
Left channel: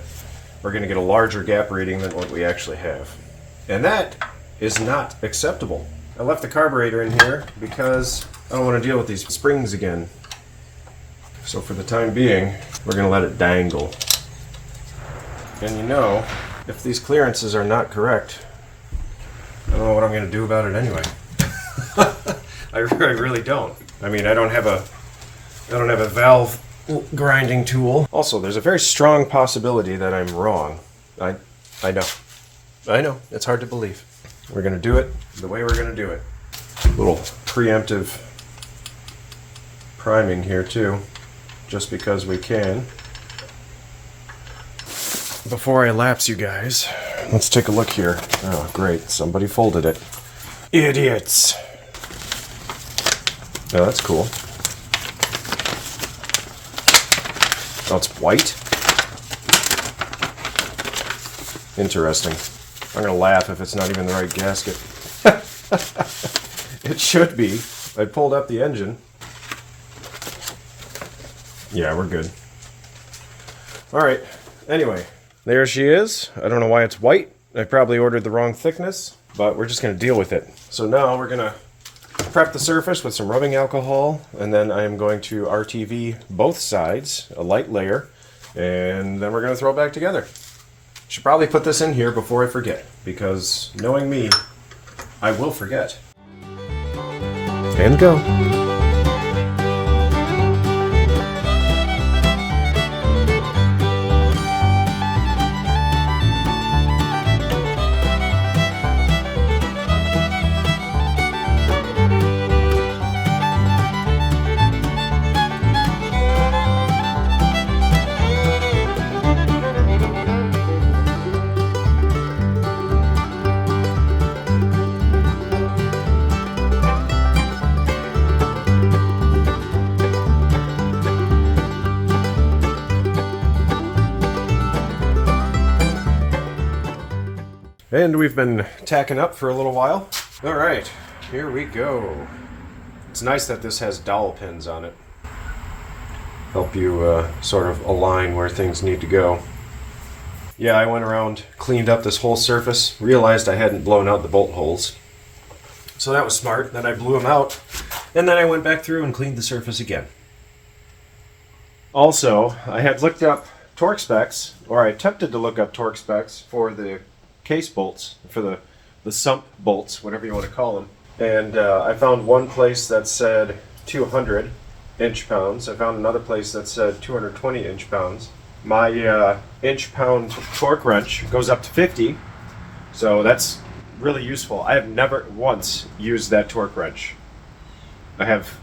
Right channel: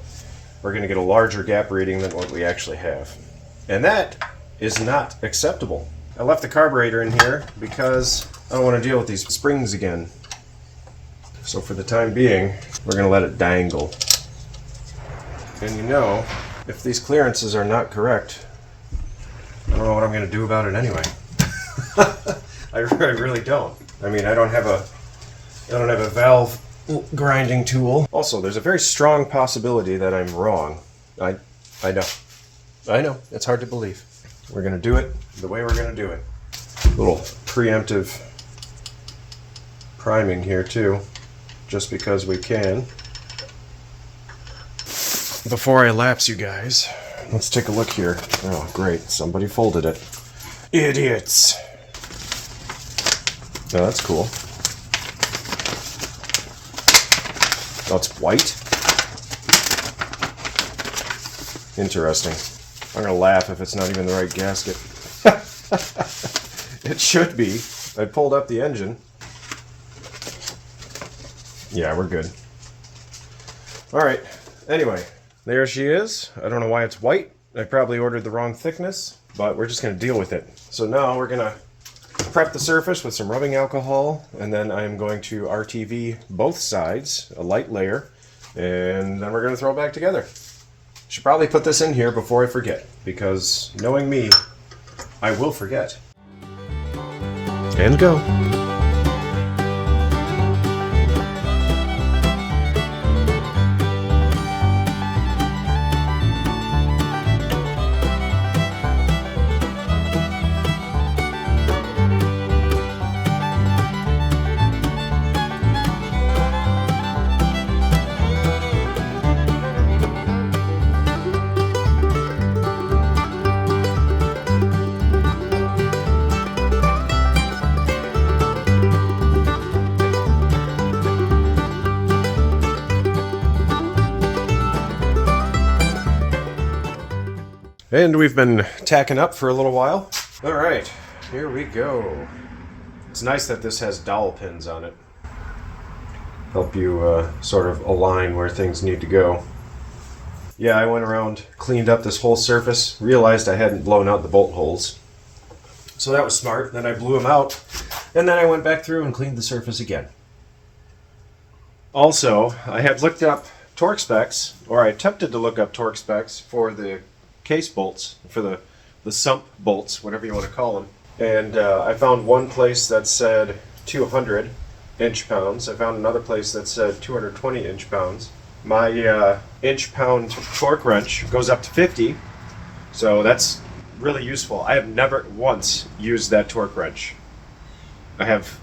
we're going to get a larger gap reading than what we actually have. And that is not acceptable. I left the carburetor in here because I don't want to deal with these springs again. So for the time being, we're going to let it dangle. And you know, if these clearances are not correct, I don't know what I'm going to do about it anyway. I really don't. I mean, I don't have a valve grinding tool. Also, there's a very strong possibility that I'm wrong. I know. It's hard to believe. We're going to do it the way we're going to do it. Little preemptive priming here too, just because we can. Before I lapse you guys, let's take a look here. Oh, great. Somebody folded it. Idiots. Oh, that's cool. Oh, it's white? Interesting. I'm going to laugh if it's not even the right gasket. It should be. I pulled up the engine. Yeah, we're good. Alright. Anyway. There she is. I don't know why it's white. I probably ordered the wrong thickness, but we're just going to deal with it. So now we're going to prep the surface with some rubbing alcohol, and then I'm going to RTV both sides, a light layer, and then we're going to throw it back together. Should probably put this in here before I forget, because knowing me, I will forget. And go. And we've been tacking up for a little while. All right, here we go. It's nice that this has dowel pins on it. Help you sort of align where things need to go. Yeah, I went around, cleaned up this whole surface, realized I hadn't blown out the bolt holes. So that was smart. Then I blew them out, and then I went back through and cleaned the surface again. Also, I had looked up torque specs, or I attempted to look up torque specs for the case bolts, for the sump bolts, whatever you want to call them. And I found one place that said 200 inch-pounds. I found another place that said 220 inch-pounds. My inch-pound torque wrench goes up to 50, so that's really useful. I have never once used that torque wrench. I have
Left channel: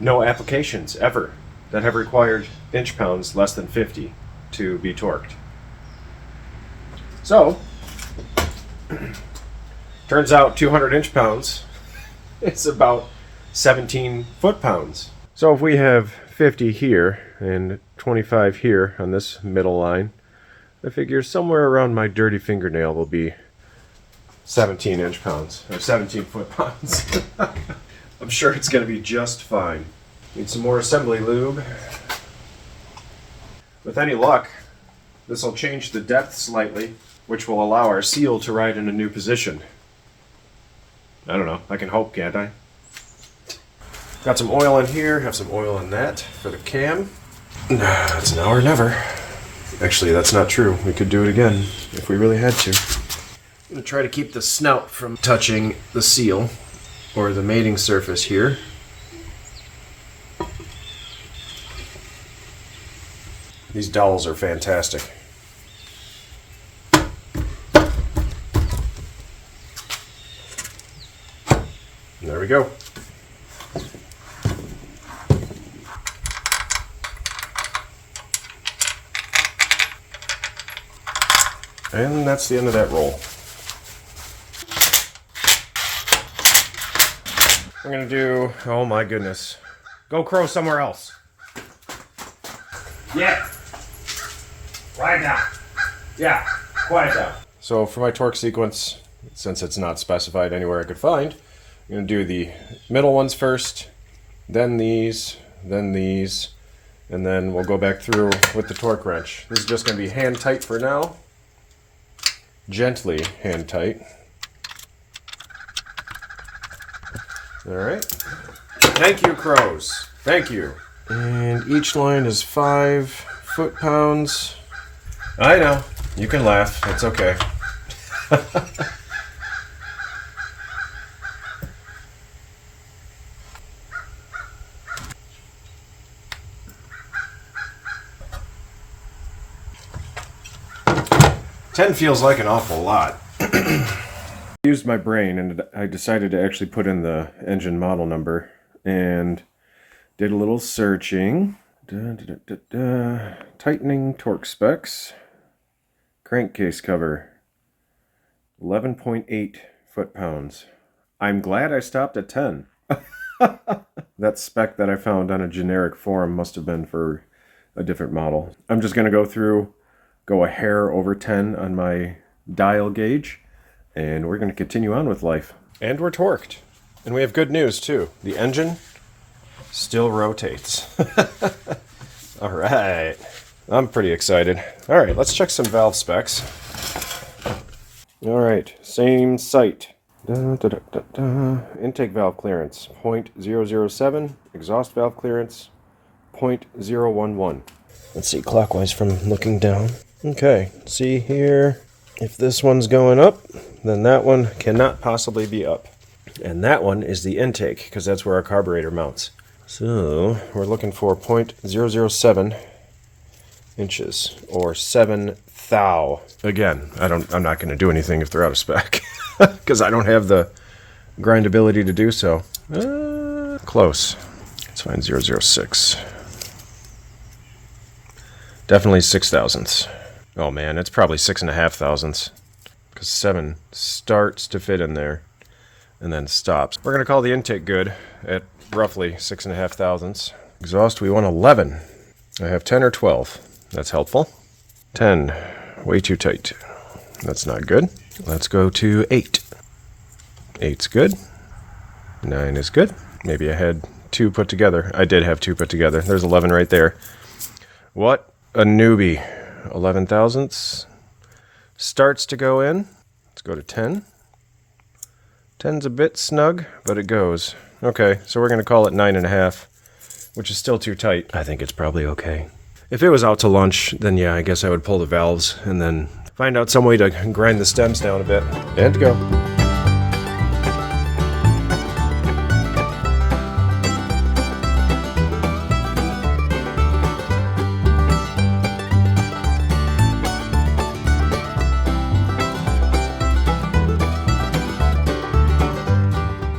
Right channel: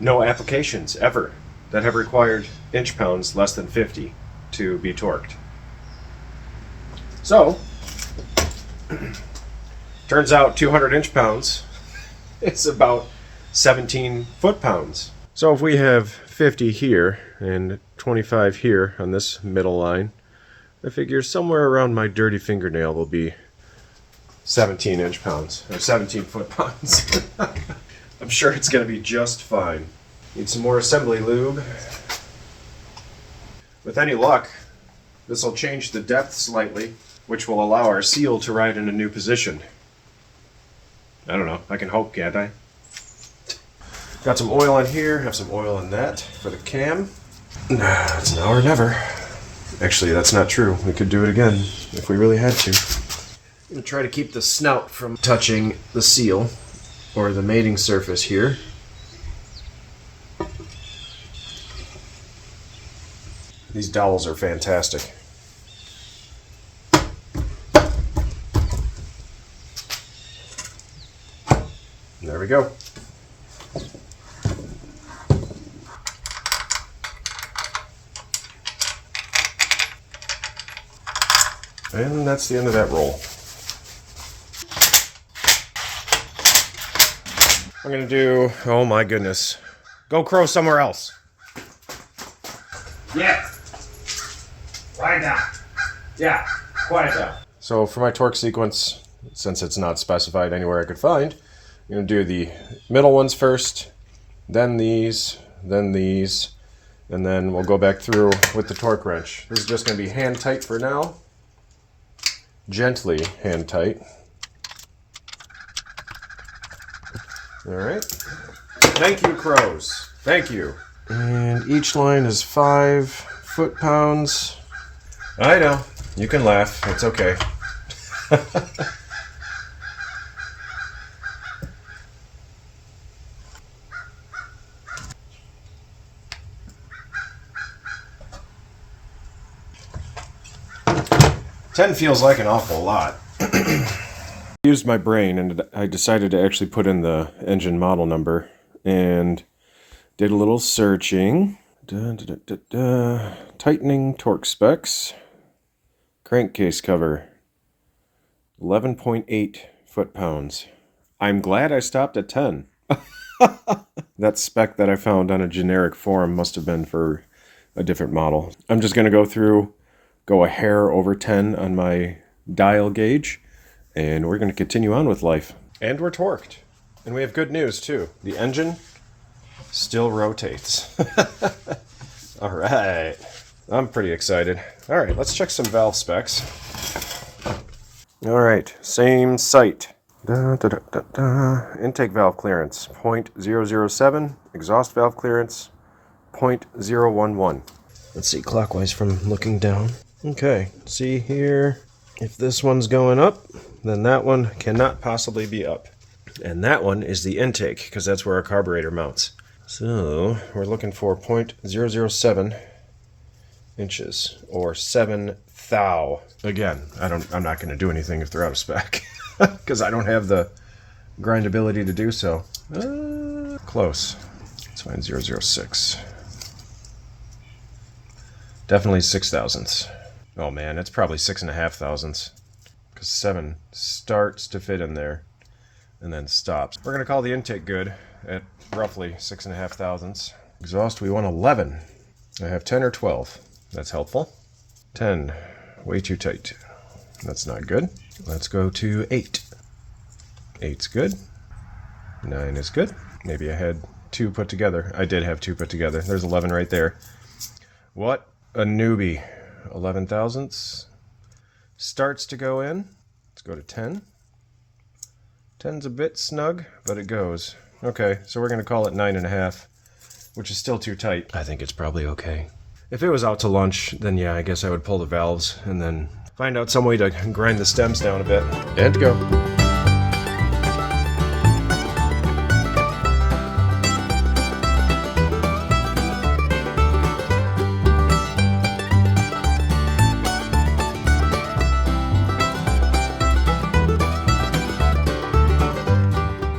no applications ever that have required inch-pounds less than 50 to be torqued. So, turns out 200 inch-pounds is about 17 foot-pounds. So if we have 50 here and 25 here on this middle line, I figure somewhere around my dirty fingernail will be 17 inch-pounds, or 17 foot-pounds. I'm sure it's going to be just fine. Need some more assembly lube. With any luck, this will change the depth slightly, which will allow our seal to ride in a new position. I don't know, I can hope, can't I? Got some oil in here, have some oil in that for the cam. It's now or never. Actually, that's not true. We could do it again if we really had to. I'm going to try to keep the snout from touching the seal, or the mating surface here. These dowels are fantastic. There we go. And that's the end of that roll. I'm gonna do, oh my goodness. Go crow somewhere else. Yeah. Right now. Yeah, quiet down. So for my torque sequence, since it's not specified anywhere I could find, I'm going to do the middle ones first, then these, and then we'll go back through with the torque wrench. This is just going to be hand tight for now. Gently hand tight. Alright. Thank you, crows. Thank you. And each line is 5 foot-pounds. I know. You can laugh. It's okay. 10 feels like an awful lot. I used my brain and I decided to actually put in the engine model number and did a little searching. Tightening torque specs. Crankcase cover. 11.8 foot-pounds. I'm glad I stopped at 10. That spec that I found on a generic forum must have been for a different model. I'm just going to go a hair over 10 on my dial gauge, and we're going to continue on with life. And we're torqued. And we have good news, too. The engine still rotates. All right. I'm pretty excited. All right, let's check some valve specs. All right, same site. Intake valve clearance, 0.007. Exhaust valve clearance, 0.011. Let's see clockwise from looking down. Okay, see here. If this one's going up, then that one cannot possibly be up. And that one is the intake, because that's where our carburetor mounts. So we're looking for 0.007 inches, or 7 thou. Again, I'm not going to do anything if they're out of spec, because I don't have the grindability to do so. Close. Let's find 0.006. Definitely 6 thousandths. Oh man, it's probably 6.5 thousandths, because 7 starts to fit in there and then stops. We're going to call the intake good at roughly 6.5 thousandths. Exhaust, we want 11. I have 10 or 12. That's helpful. 10, way too tight. That's not good. Let's go to 8. 8's good. 9 is good. Maybe I had 2 put together. I did have 2 put together. There's 11 right there. What a newbie. 11 thousandths. Starts to go in. Let's go to 10. 10's a bit snug, but it goes. Okay, so we're going to call it 9.5, which is still too tight. I think it's probably okay. If it was out to lunch, then yeah, I guess I would pull the valves and then find out some way to grind the stems down a bit. And go.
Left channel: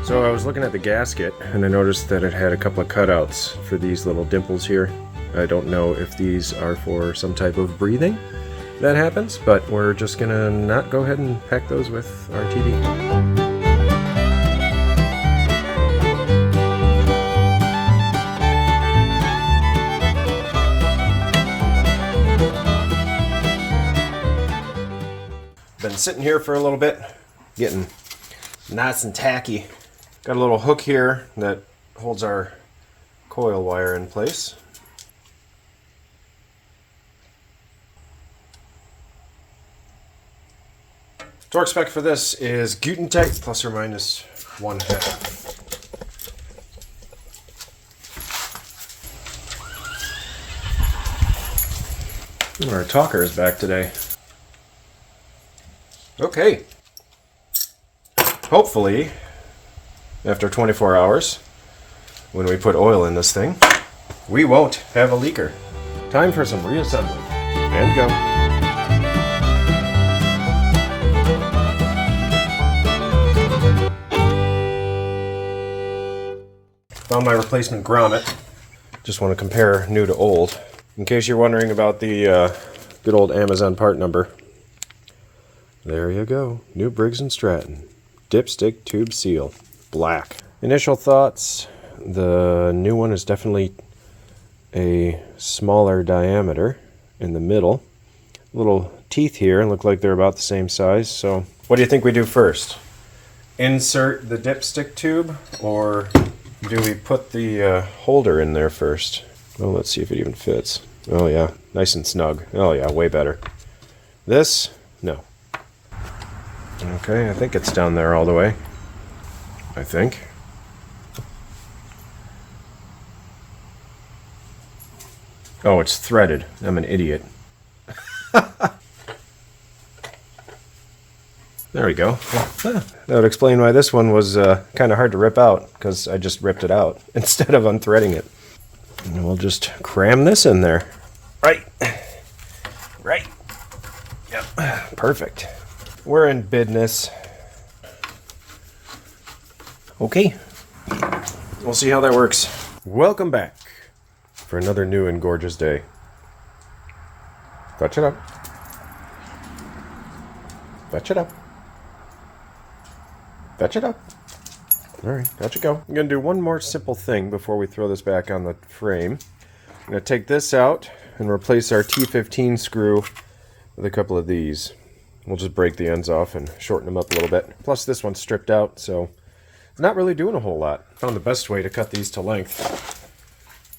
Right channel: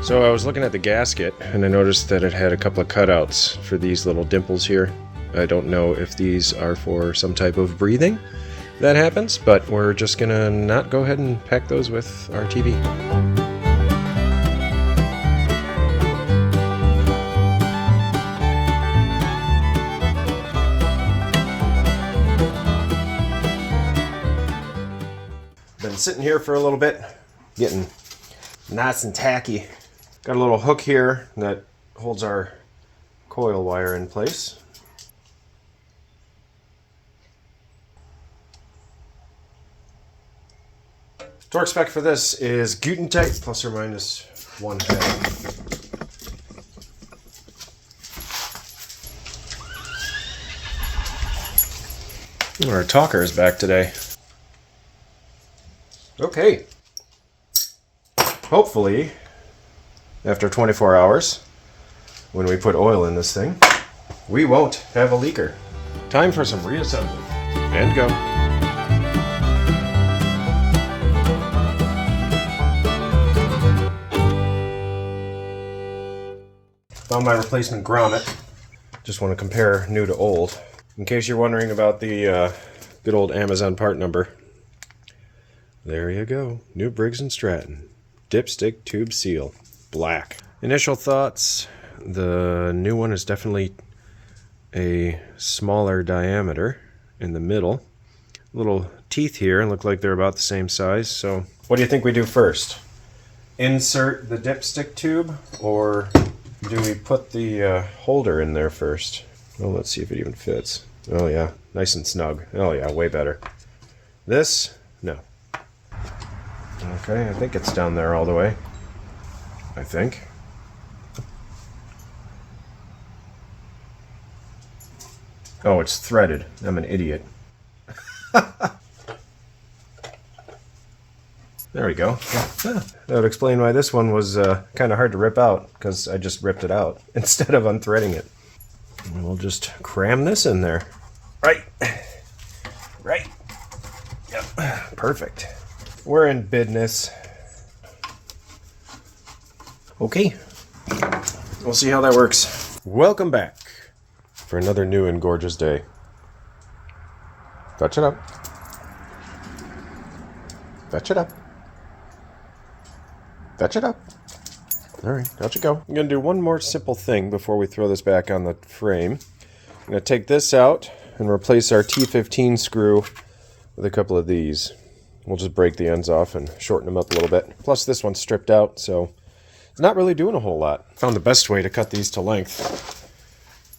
So I was looking at the gasket and I noticed that it had a couple of cutouts for these little dimples here. I don't know if these are for some type of breathing that happens, but we're just gonna not go ahead and pack those with our TV. Been sitting here for a little bit, getting nice and tacky. Got a little hook here that holds our coil wire in place. Torque spec for this is Gutentite plus or minus 1/2. Our talker is back today. Okay. Hopefully, after 24 hours, when we put oil in this thing, we won't have a leaker. Time for some reassembly. And go. Found my replacement grommet. Just want to compare new to old. In case you're wondering about the good old Amazon part number, there you go. New Briggs & Stratton. Dipstick tube seal. Black. Initial thoughts, the new one is definitely a smaller diameter in the middle. Little teeth here look like they're about the same size. So what do you think we do first? Insert the dipstick tube, or do we put the holder in there first? Well, let's see if it even fits. Oh yeah, nice and snug. Oh yeah, way better. This? No. Okay, I think it's down there all the way. I think. Oh, it's threaded. I'm an idiot. There we go. That would explain why this one was kind of hard to rip out, because I just ripped it out instead of unthreading it. And we'll just cram this in there. Right. Right. Yep. Perfect. We're in business. Okay, we'll see how that works. Welcome back for another new and gorgeous day. Fetch it up. Fetch it up. Fetch it up. All right, out you go. I'm gonna do one more simple thing before we throw this back on the frame. I'm gonna take this out and replace our T15 screw with a couple of these. We'll just break the ends off and shorten them up a little bit. Plus this one's stripped out, so it's not really doing a whole lot. I found the best way to cut these to length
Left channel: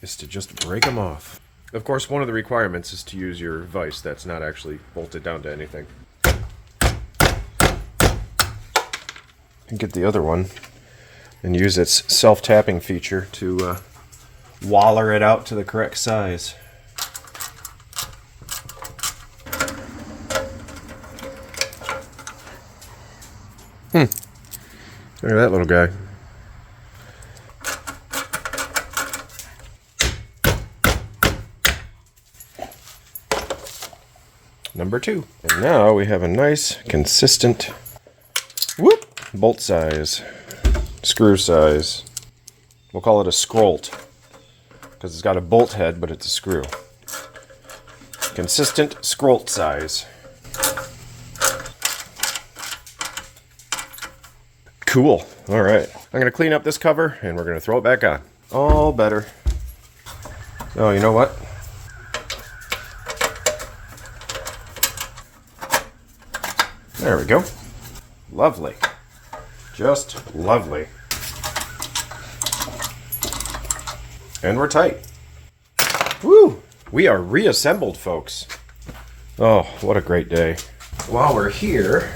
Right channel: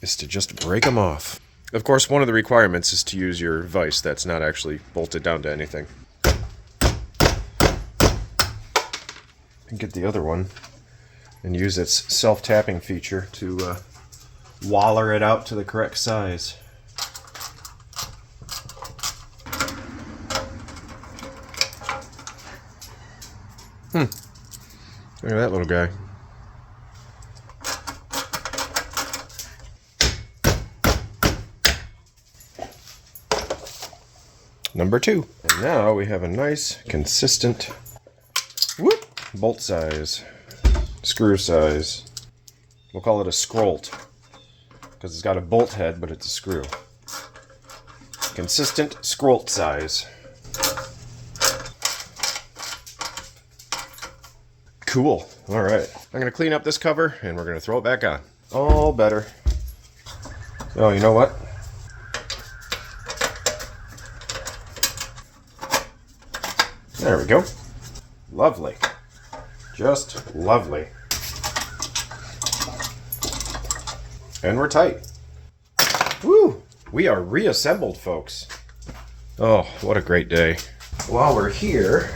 is to just break them off. Of course, one of the requirements is to use your vise that's not actually bolted down to anything. And get the other one and use its self-tapping feature to waller it out to the correct size. Look at that little guy. Number 2. And now we have a nice, consistent bolt size, screw size. We'll call it a scrolt because it's got a bolt head, but it's a screw. Consistent scrolt size. Cool. All right. I'm going to clean up this cover and we're going to throw it back on. All better. Oh, you know what? There we go. Lovely. Just lovely. And we're tight. Woo! We are reassembled, folks. Oh, what a great day. While we're here,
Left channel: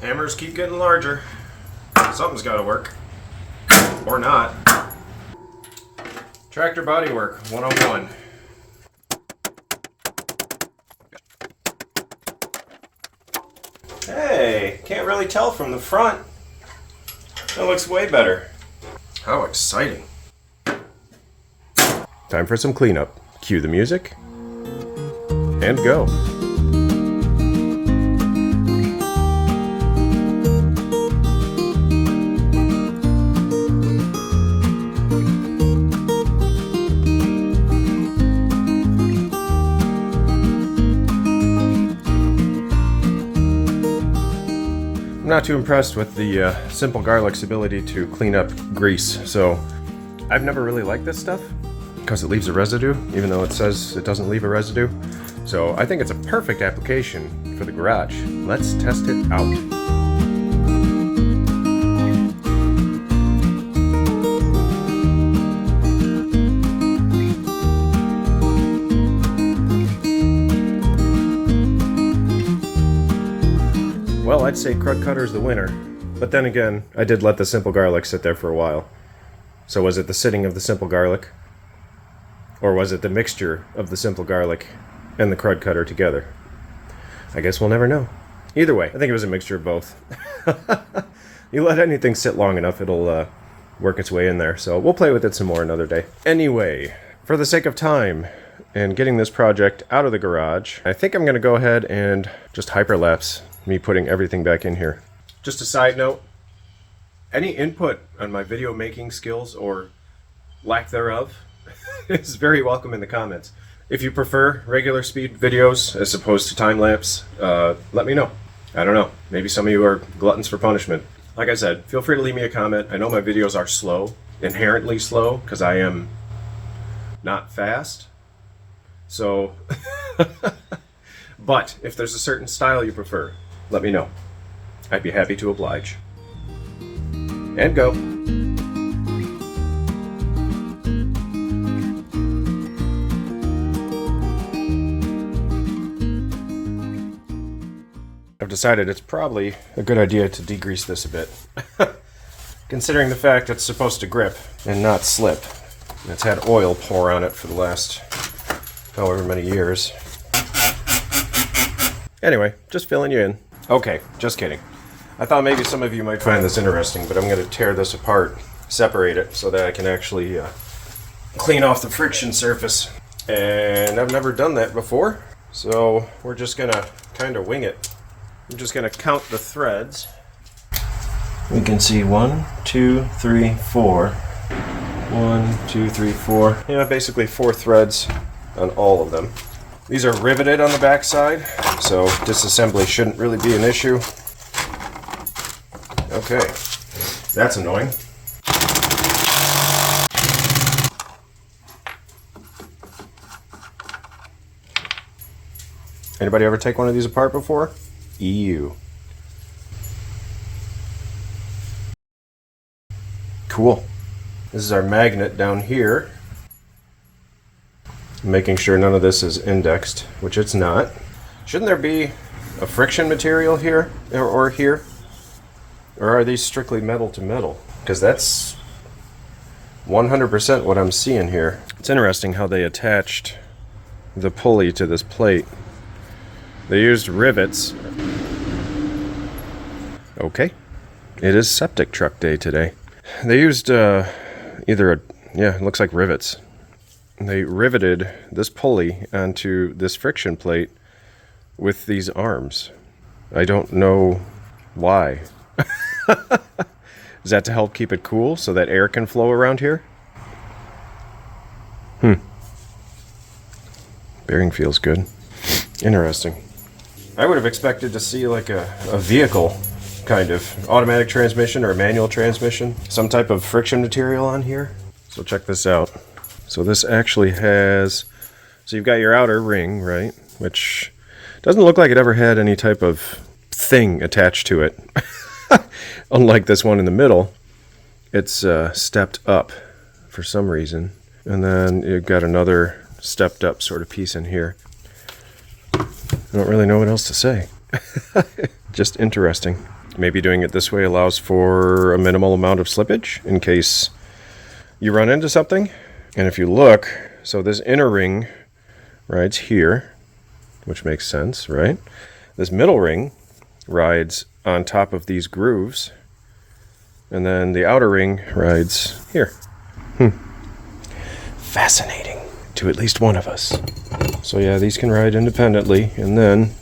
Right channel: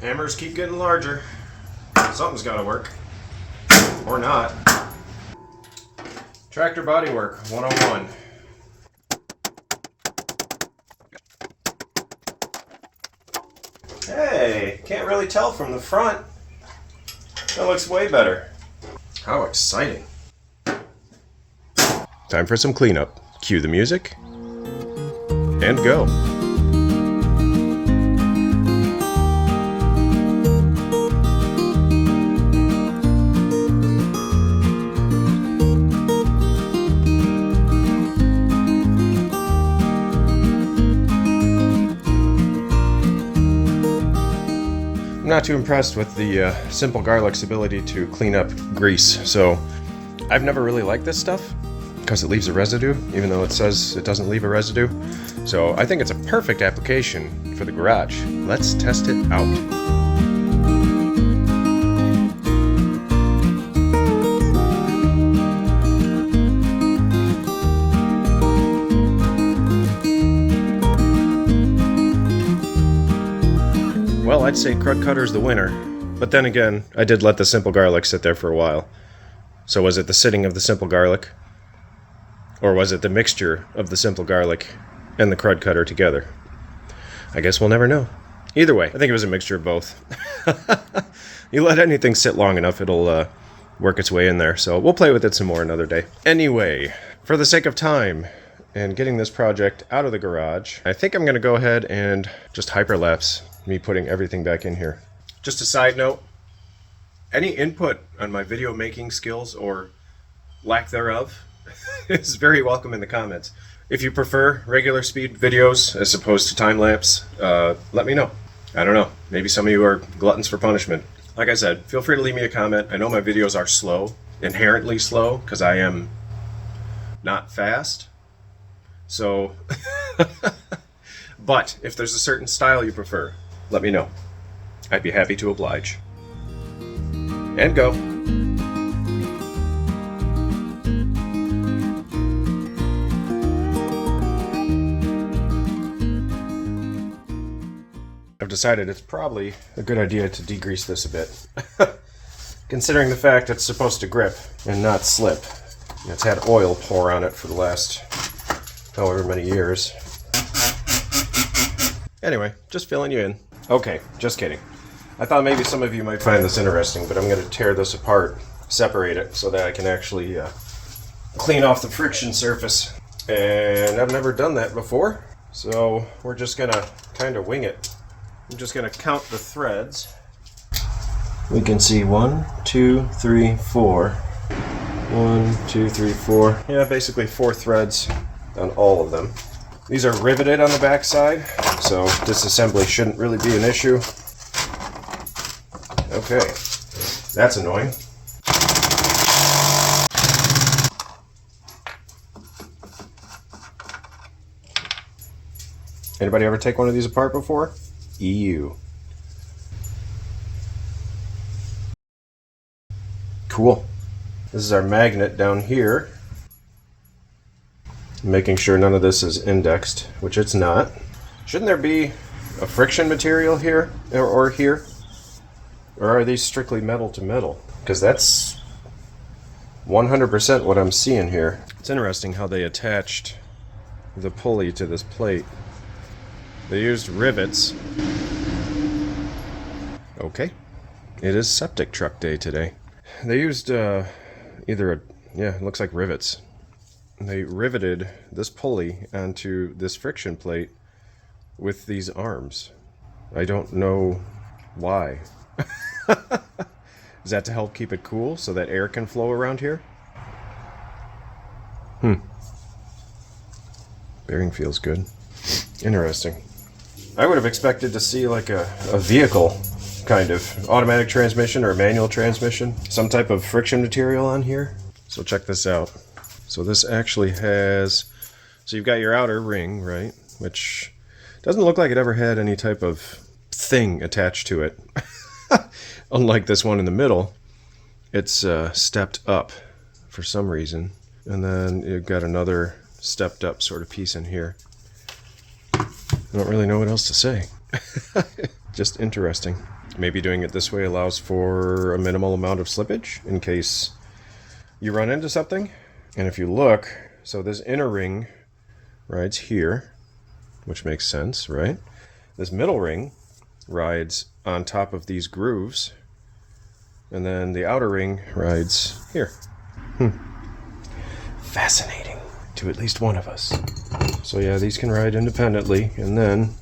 hammers keep getting larger. Something's got to work. Or not. Tractor bodywork 101. Hey, can't really tell from the front. That looks way better. How exciting. Time for some cleanup. Cue the music. And go. I'm not too impressed with the Simple Garlic's ability to clean up grease, so I've never really liked this stuff because it leaves a residue, even though it says it doesn't leave a residue. So I think it's a perfect application for the garage. Let's test it out. Well, I'd say crud cutter's the winner, but then again, I did let the Simple Garlic sit there for a while. So was it the sitting of the Simple Garlic? Or was it the mixture of the Simple Garlic and the crud cutter together? I guess we'll never know. Either way, I think it was a mixture of both. You let anything sit long enough, it'll work its way in there, so we'll play with it some more another day. Anyway, for the sake of time and getting this project out of the garage, I think I'm going to go ahead and just hyperlapse me putting everything back in here. Just a side note, any input on my video making skills or lack thereof is very welcome in the comments. If you prefer regular speed videos as opposed to time-lapse, let me know. I don't know, maybe some of you are gluttons for punishment. Like I said, feel free to leave me a comment. I know my videos are slow, inherently slow, because I am not fast. So, but if there's a certain style you prefer, let me know. I'd be happy to oblige. And go. I've decided it's probably a good idea to degrease this a bit. Considering the fact it's supposed to grip and not slip. It's had oil pour on it for the last however many years. Anyway, just filling you in. Okay, just kidding. I thought maybe some of you might find this interesting, but I'm going to tear this apart, separate it, so that I can actually clean off the friction surface. And I've never done that before, so we're just gonna kind of wing it. I'm just gonna count the threads. We can see 1, 2, 3, 4. 1, 2, 3, 4. Yeah, basically 4 threads on all of them. These are riveted on the back side, so disassembly shouldn't really be an issue. Okay, that's annoying. Anybody ever take one of these apart before? EU. Cool. This is our magnet down here. Making sure none of this is indexed, which it's not. Shouldn't there be a friction material here or here? Or are these strictly metal to metal? Because that's 100% what I'm seeing here. It's interesting how they attached the pulley to this plate. They used rivets. Okay. It is septic truck day today. They used it looks like rivets. They riveted this pulley onto this friction plate with these arms. I don't know why. Is that to help keep it cool so that air can flow around here? Bearing feels good. Interesting. I would have expected to see like a vehicle kind of automatic transmission or a manual transmission, some type of friction material on here. So check this out. So this actually has, so you've got your outer ring, right? Which doesn't look like it ever had any type of thing attached to it. Unlike this one in the middle, it's stepped up for some reason. And then you've got another stepped up sort of piece in here. I don't really know what else to say. Just interesting. Maybe doing it this way allows for a minimal amount of slippage in case you run into something. And if you look, so this inner ring rides here, which makes sense, right? This middle ring rides on top of these grooves, and then the outer ring rides here. Fascinating to at least one of us. So yeah, these can ride independently, and then,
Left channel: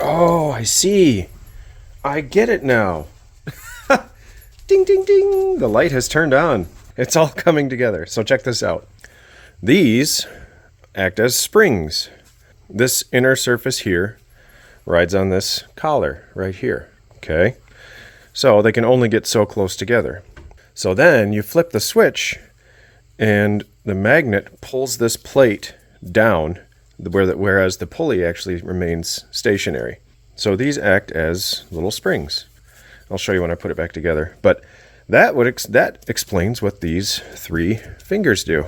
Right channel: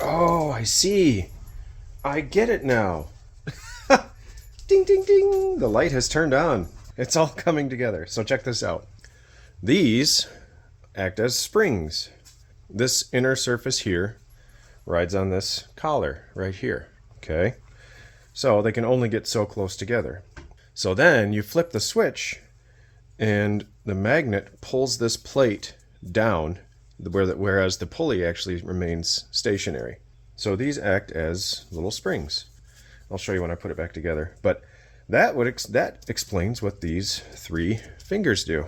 oh, I see. I get it now. Ding, ding, ding. The light has turned on. It's all coming together. So check this out. These act as springs. This inner surface here rides on this collar right here. Okay. So they can only get so close together. So then you flip the switch and the magnet pulls this plate down, whereas the pulley actually remains stationary. So these act as little springs. I'll show you when I put it back together. But that explains what these 3 fingers do.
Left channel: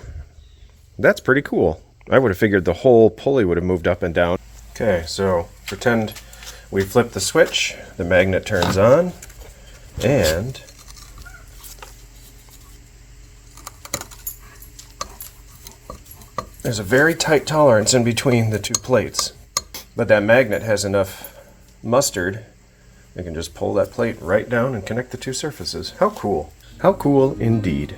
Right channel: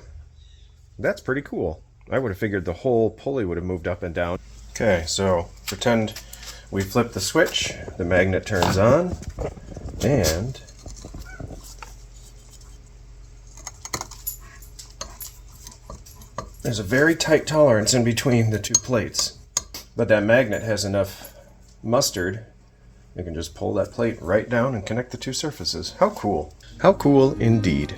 That's pretty cool. I would have figured the whole pulley would have moved up and down. Okay, so pretend we flip the switch, the magnet turns on, and there's a very tight tolerance in between the 2 plates. But that magnet has enough mustard. You can just pull that plate right down and connect the 2 surfaces. How cool. How cool indeed.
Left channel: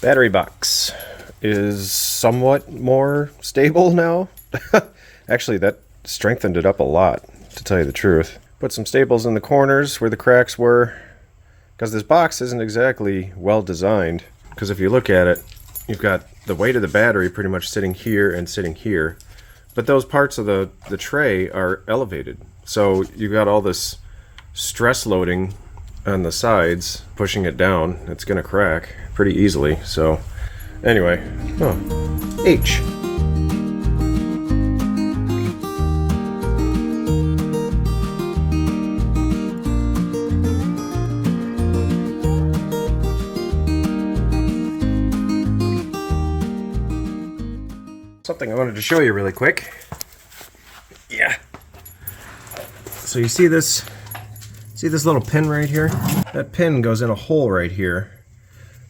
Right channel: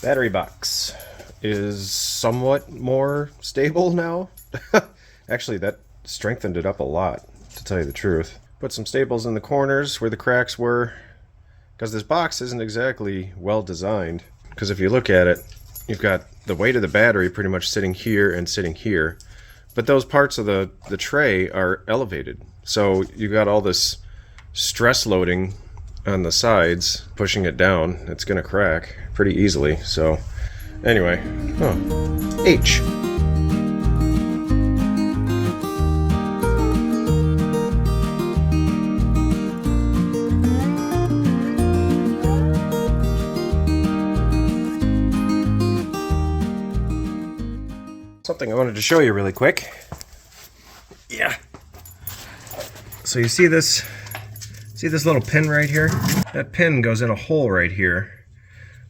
Battery box is somewhat more stable now. Actually, that strengthened it up a lot, to tell you the truth. Put some staples in the corners where the cracks were, because this box isn't exactly well designed. Because if you look at it, you've got the weight of the battery pretty much sitting here and sitting here, but those parts of the tray are elevated. So you've got all this stress loading on the sides, pushing it down. It's gonna crack pretty easily. So anyway, H. something I wanted to show you really quick. Yeah. So you see this little pin right here? That pin goes in a hole right here,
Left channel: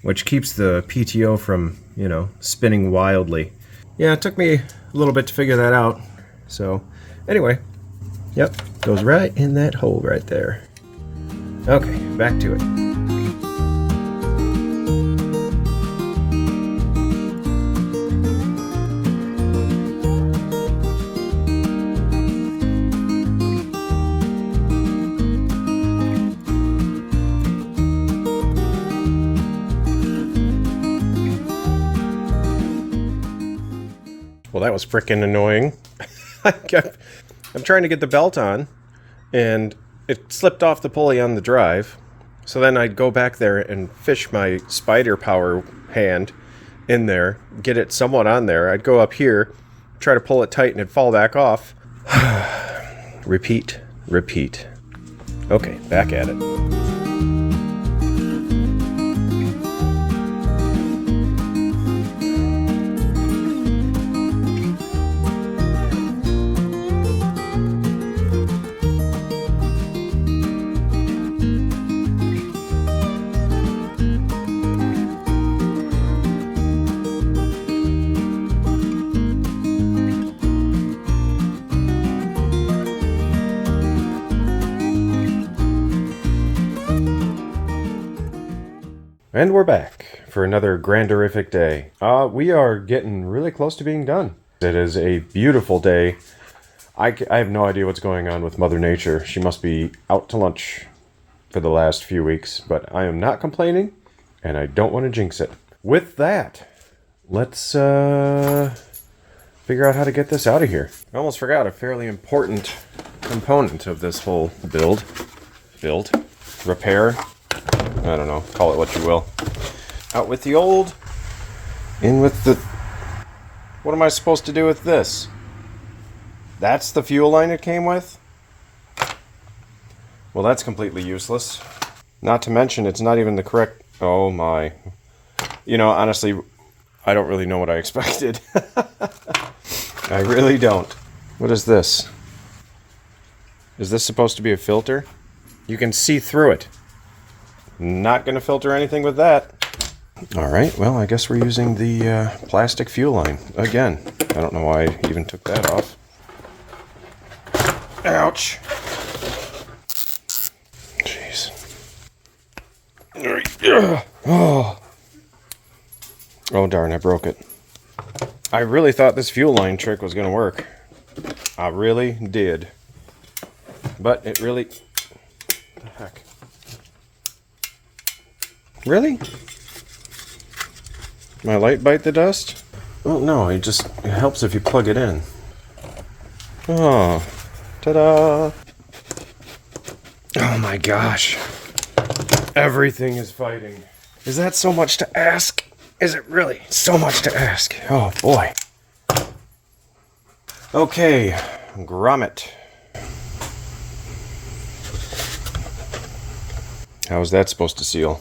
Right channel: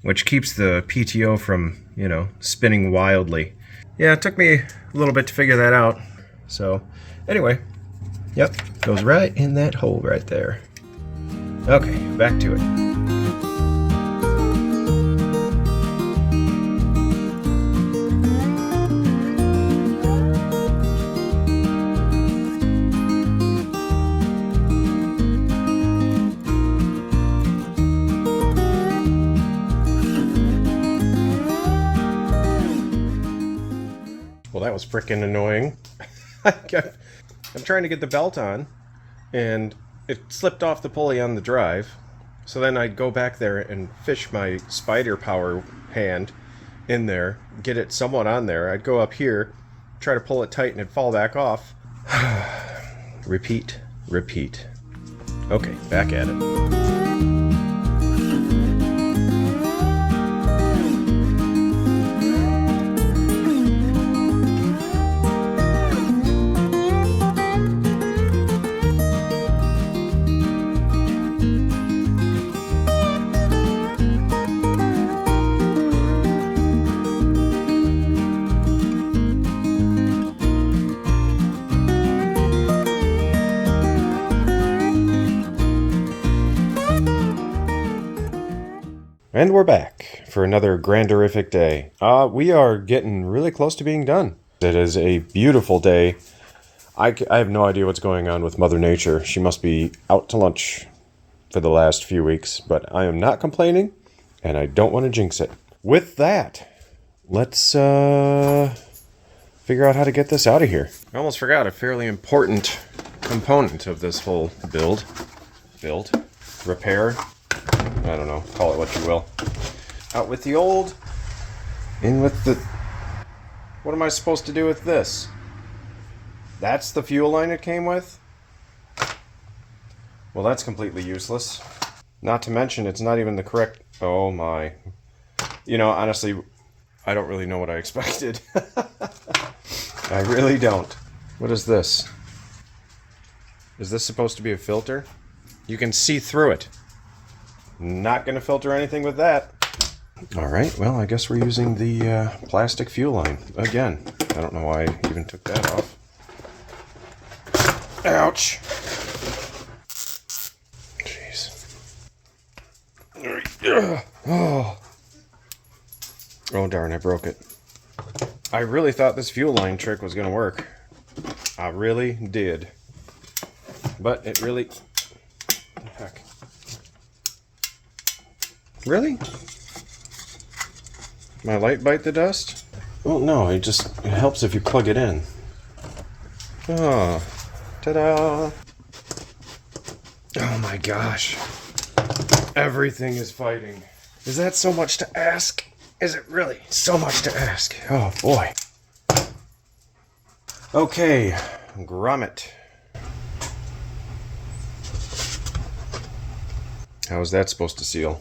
which keeps the PTO from, you know, spinning wildly. Yeah, it took me a little bit to figure that out. So, anyway, yep, goes right in that hole right there. Okay, back to it. Well, that was frickin' annoying. I'm trying to get the belt on, and it slipped off the pulley on the drive. So then I'd go back there and fish my spider power hand in there, get it somewhat on there. I'd go up here, try to pull it tight, and it'd fall back off. Repeat, repeat. Okay, back at it. And we're back for another granderific day. We are getting really close to being done. It is a beautiful day. I have no idea what's going on with Mother Nature. She must be out to lunch for the last few weeks, but I am not complaining, and I don't want to jinx it. With that, let's figure out how to get this out of here. I almost forgot a fairly important component of this whole build, repair. I don't know, call it what you will. Out with the old, in with the... What am I supposed to do with this? That's the fuel line it came with? Well, that's completely useless. Not to mention, it's not even the correct... Oh my. You know, honestly, I don't really know what I expected. I really don't. What is this? Is this supposed to be a filter? You can see through it. Not going to filter anything with that. Alright, well, I guess we're using the plastic fuel line. Again, I don't know why I even took that off. Ouch! Jeez. Oh darn, I broke it. I really thought this fuel line trick was going to work. I really did. But it really... What the heck? Really? My light bite the dust? Oh no, it helps if you plug it in. Oh, ta-da! Oh my gosh. Everything is fighting. Is that so much to ask? Is it really so much to ask? Oh boy. Okay, grommet. How is that supposed to seal?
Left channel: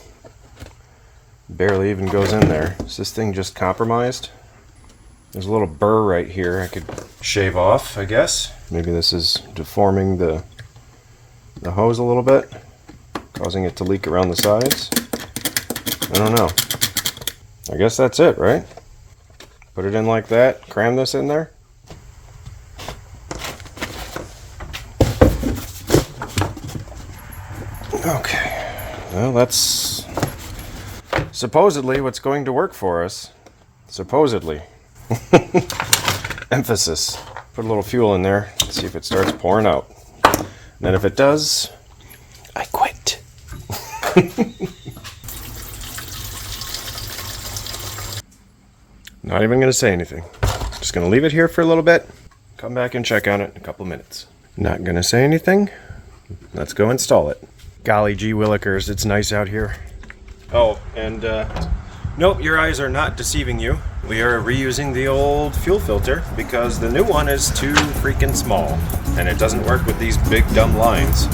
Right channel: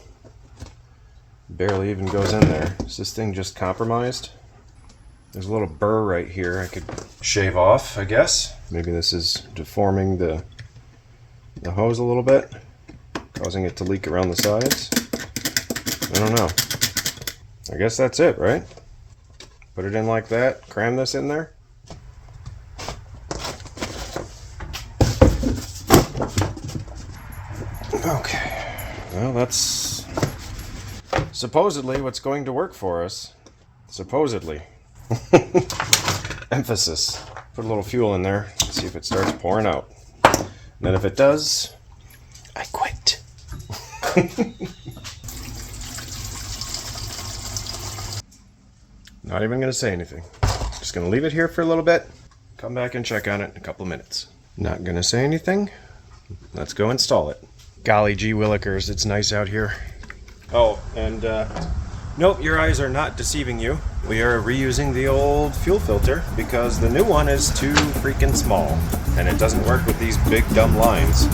Barely even goes in there. Is this thing just compromised? There's a little burr right here I could shave off, I guess. Maybe this is deforming the hose a little bit, causing it to leak around the sides. I don't know. I guess that's it, right? Put it in like that, cram this in there. Okay, well that's supposedly what's going to work for us. Supposedly. Emphasis. Put a little fuel in there, see if it starts pouring out. And then if it does, I quit. Not even going to say anything. Just going to leave it here for a little bit. Come back and check on it in a couple minutes. Not going to say anything. Let's go install it. Golly gee willikers, it's nice out here. Oh, and nope, your eyes are not deceiving you. We are reusing the old fuel filter because the new one is too freaking small and it doesn't work with these big dumb lines.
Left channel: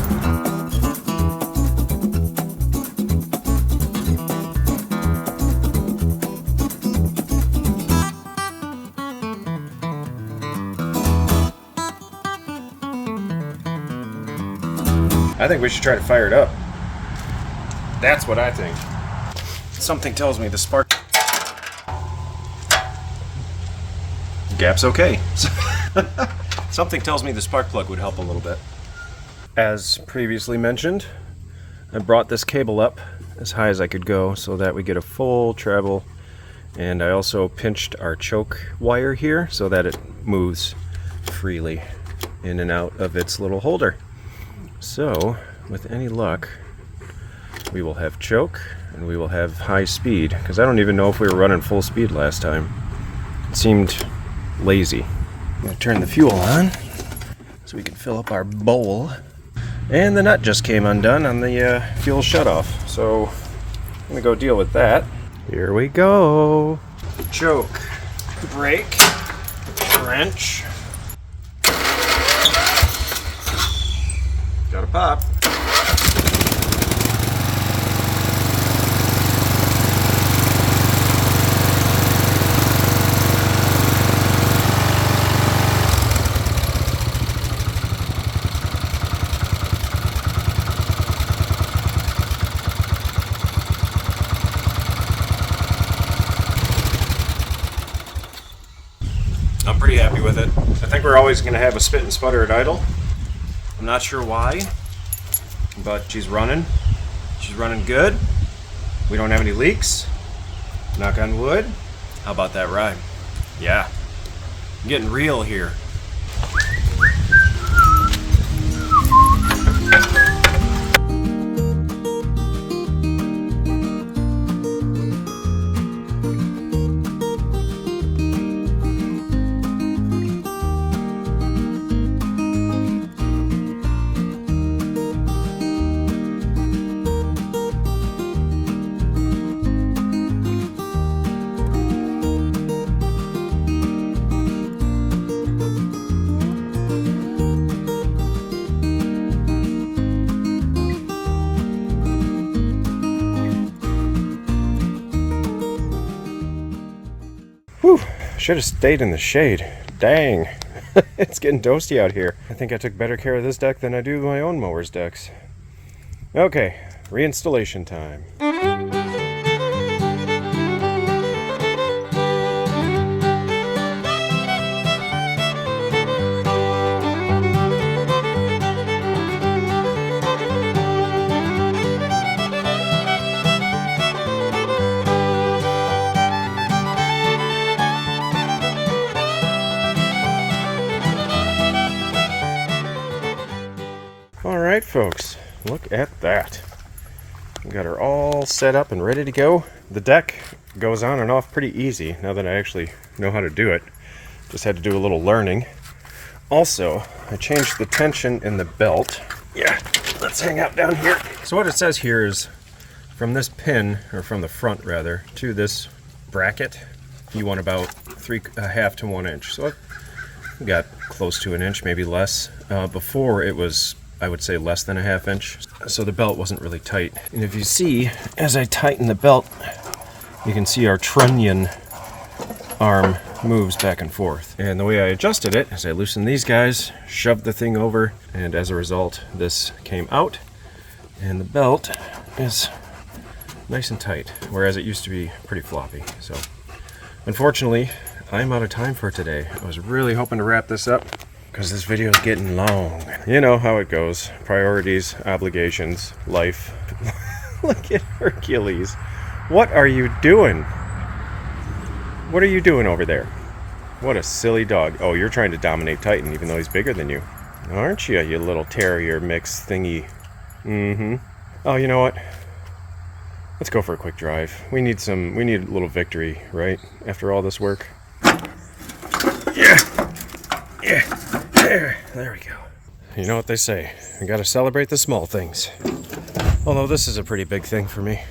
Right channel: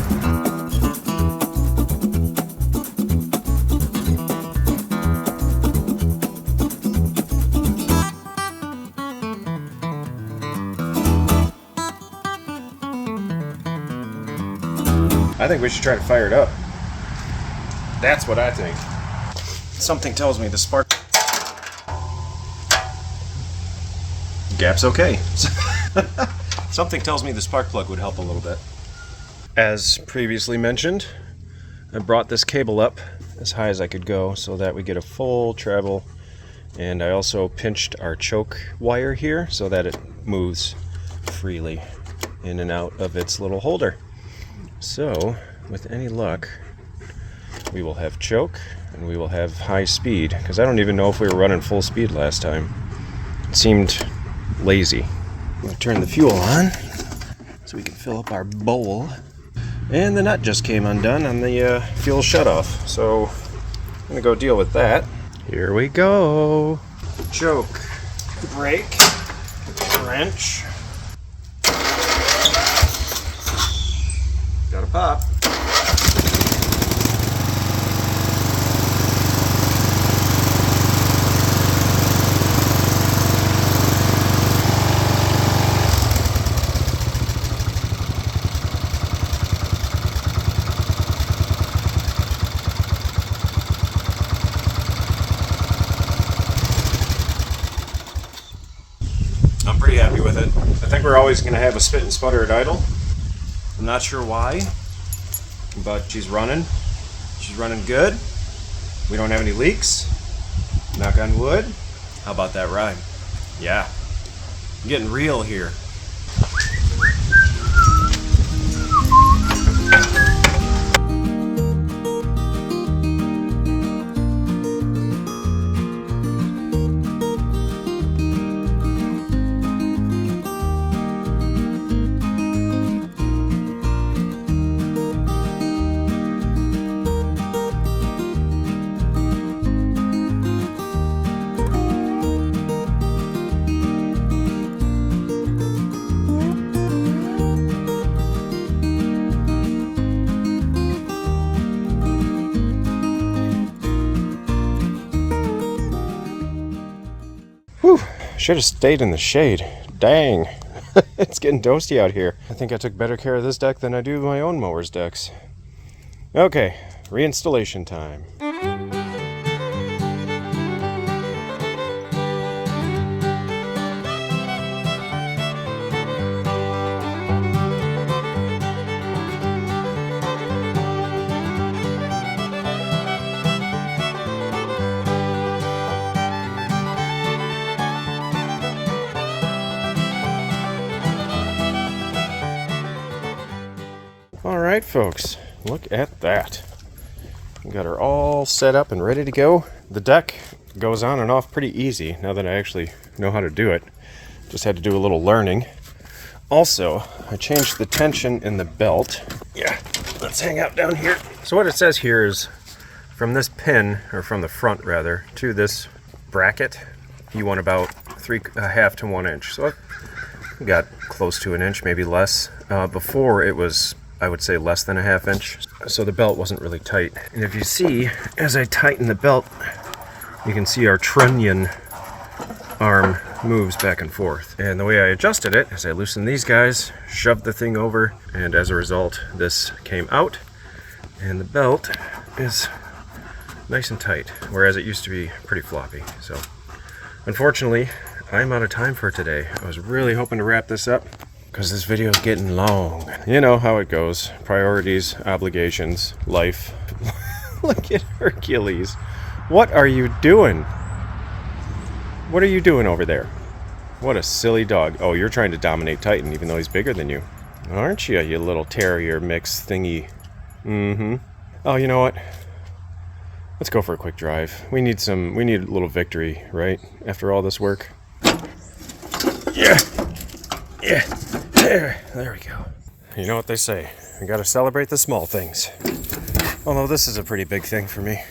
I think we should try to fire it up. That's what I think. Something tells me the spark gap's okay. Something tells me the spark plug would help a little bit. As previously mentioned, I brought this cable up as high as I could go so that we get a full travel, and I also pinched our choke wire here so that it moves freely in and out of its little holder. So with any luck, we will have choke and we will have high speed, because I don't even know if we were running full speed last time. It seemed lazy. I'm gonna turn the fuel on so we can fill up our bowl. And the nut just came undone on the fuel shutoff, so I'm gonna go deal with that. Here we go. Choke, brake, wrench. Got a pop. I'm pretty happy with it. I think we're always going to have a spit and sputter at idle. I'm not sure why, but she's running. She's running good. We don't have any leaks. Knock on wood. How about that ride? Yeah. I'm getting real here. Whew, should have stayed in the shade. Dang, it's getting toasty out here. I think I took better care of this deck than I do my own mower's decks. Okay, reinstallation time. Alright folks, look at that. We got her all set up and ready to go. The deck goes on and off pretty easy now that I actually know how to do it. Just had to do a little learning. Also, I changed the tension in the belt. Yeah, let's hang out down here. So what it says here is from this pin, or from the front rather, to this bracket, you want about 3.5 to 1 inch. So I got close to an inch, maybe less. Before it was, I would say, less than a ½ inch. So the belt wasn't really tight. And if you see, as I tighten the belt, you can see our trunnion arm moves back and forth. And the way I adjusted it is I loosened these guys, shoved the thing over, and as a result, this came out. And the belt is nice and tight, whereas it used to be pretty floppy. So unfortunately, I'm out of time for today. I was really hoping to wrap this up, because this video is getting long. You know how it goes. Priorities, obligations, life. Look at Hercules. What are you doing? What are you doing over there? What a silly dog. Oh, you're trying to dominate Titan even though he's bigger than you. Aren't you, you little terrier mix thingy? Mm-hmm. Oh, you know what? Let's go for a quick drive. We need a little victory, right? After all this work. Yeah. Yeah. There we go. You know what they say, you gotta celebrate the small things. Although this is a pretty big thing for me.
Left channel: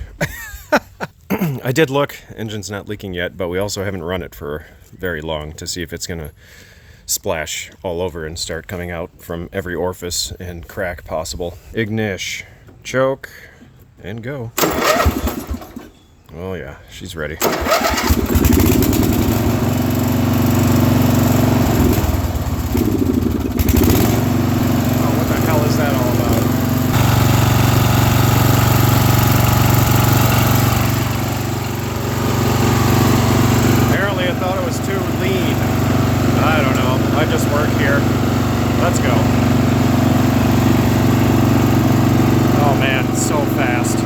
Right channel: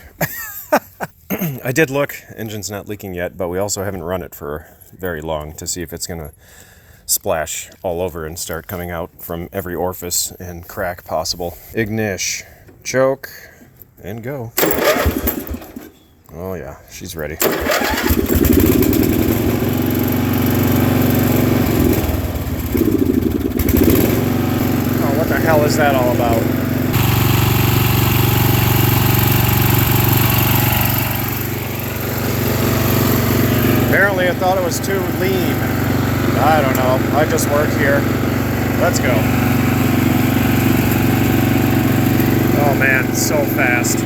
I did look, engine's not leaking yet, but we also haven't run it for very long to see if it's gonna splash all over and start coming out from every orifice and crack possible. Ignish, choke, and go. Oh yeah, she's ready. What the hell is that all about? Let's go. Oh man, it's so fast.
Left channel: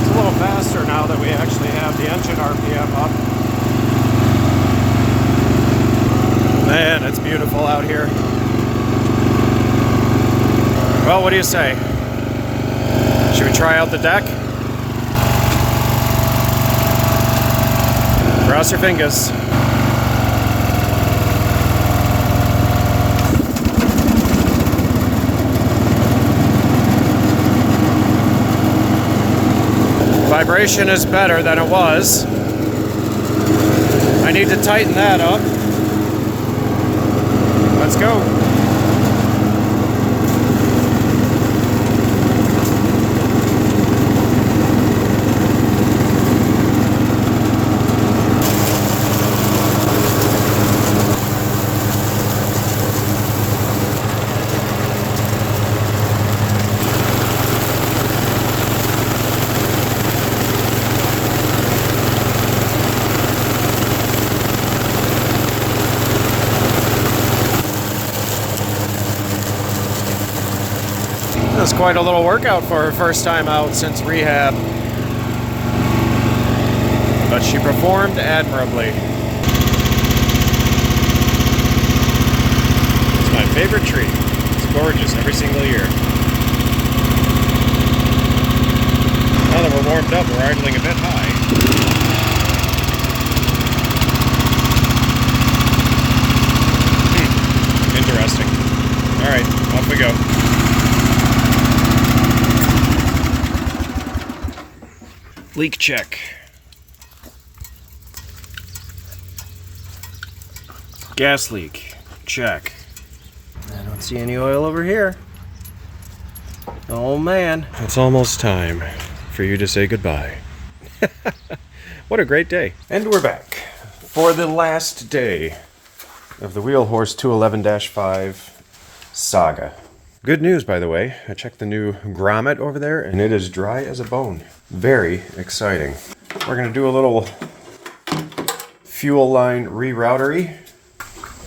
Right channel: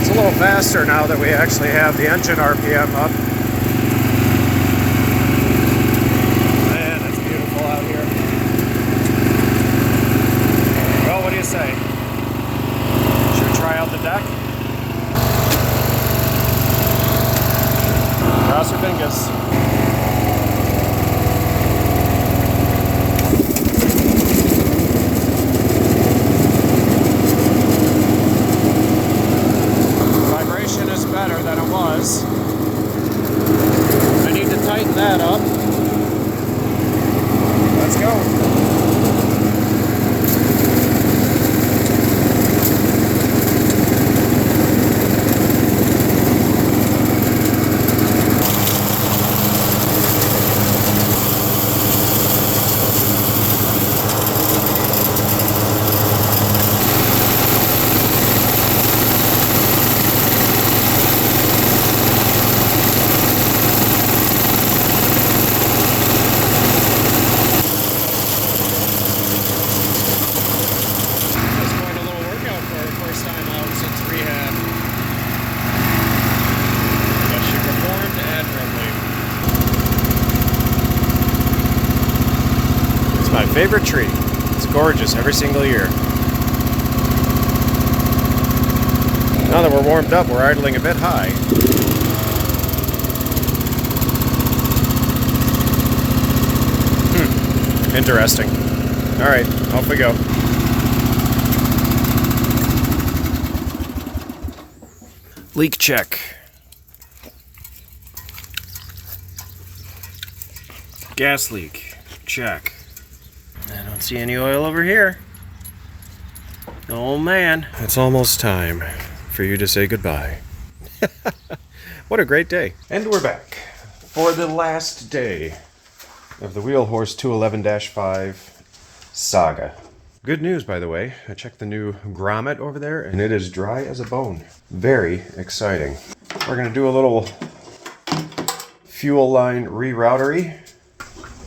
It's a little faster now that we actually have the engine RPM up. Man, it's beautiful out here. Well, what do you say? Should we try out the deck? Cross your fingers. Vibration is better than it was. I need to tighten that up. Let's go. Quite a little workout for her first time out since rehab. But she performed admirably. It's my favorite tree. It's gorgeous every single year. Now that we're warmed up, we're idling a bit high. Interesting. Alright, off we go. Leak check. Gas leak. Check. I don't see any oil over here. Oh man. It's almost time for you to say goodbye. What a great day. And we're back for the last day of the Wheelhorse 211-5 saga. Good news, by the way. I checked the new grommet over there, and it is dry as a bone. Very exciting. We're going to do a little fuel line reroutery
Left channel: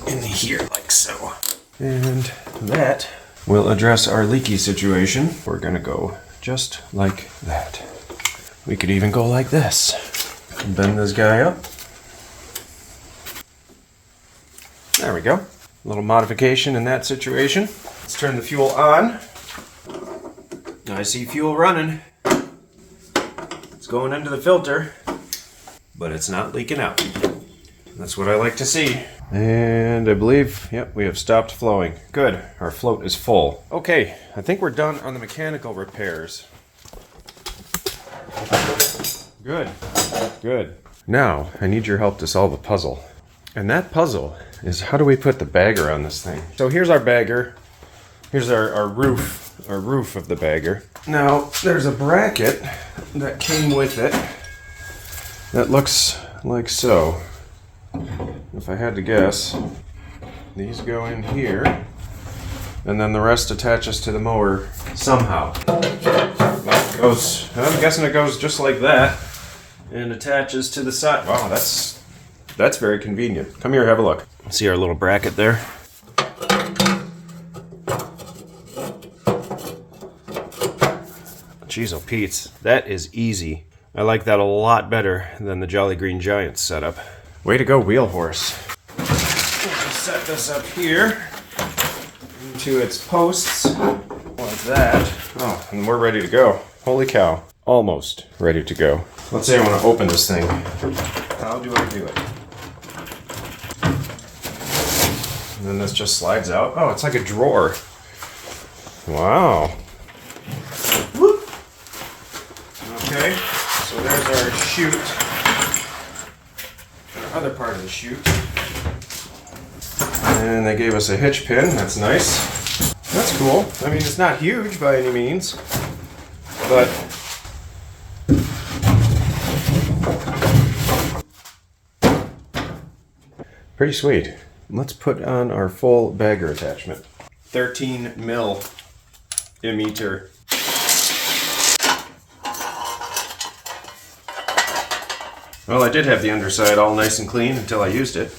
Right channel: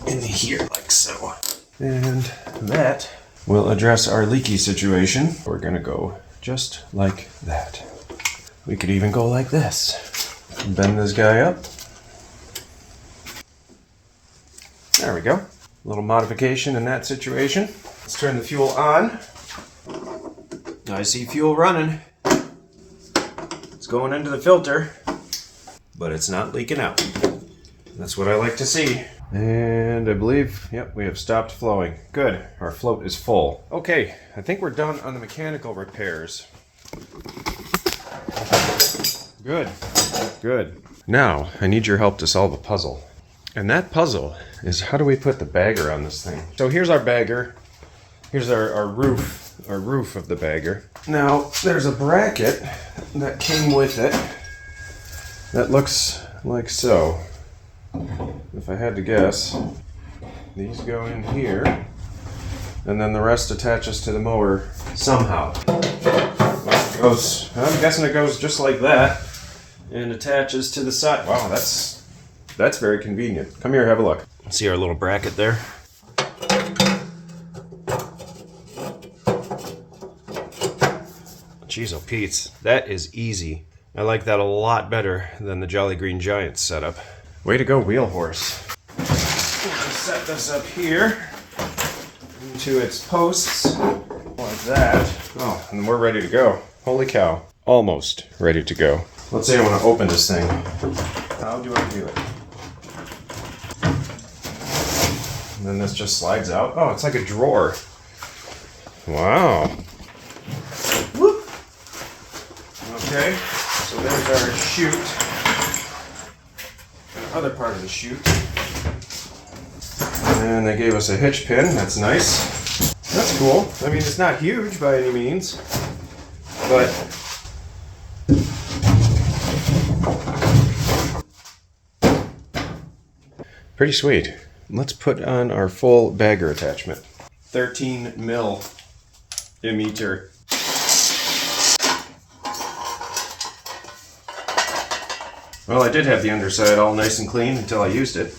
in here, like so. And that will address our leaky situation. We're going to go just like that. We could even go like this. Bend this guy up. There we go. A little modification in that situation. Let's turn the fuel on. I see fuel running. It's going into the filter, but it's not leaking out. That's what I like to see. And I believe, yep, we have stopped flowing. Good, our float is full. Okay, I think we're done on the mechanical repairs. Good, good. Now, I need your help to solve a puzzle. And that puzzle is, how do we put the bagger on this thing? So here's our bagger. Here's our roof of the bagger. Now, there's a bracket that came with it that looks like so. If I had to guess, these go in here, and then the rest attaches to the mower somehow. It goes, I'm guessing it goes just like that, and attaches to the side. Wow, that's very convenient. Come here, have a look. See our little bracket there? Jeez, oh Pete's, that is easy. I like that a lot better than the Jolly Green Giants setup. Way to go, Wheelhorse. We'll just set this up here into its posts like that. Oh, and we're ready to go. Holy cow. Almost ready to go. Let's say I want to open this thing. How do I do it? And then this just slides out. Oh, it's like a drawer. Wow. Whoop. Okay, so there's our chute. Other part of the chute. And they gave us a hitch pin. That's nice. That's cool. I mean, it's not huge by any means, but pretty sweet. Let's put on our full bagger attachment. 13 mil emitter. Well, I did have the underside all nice and clean until I used it.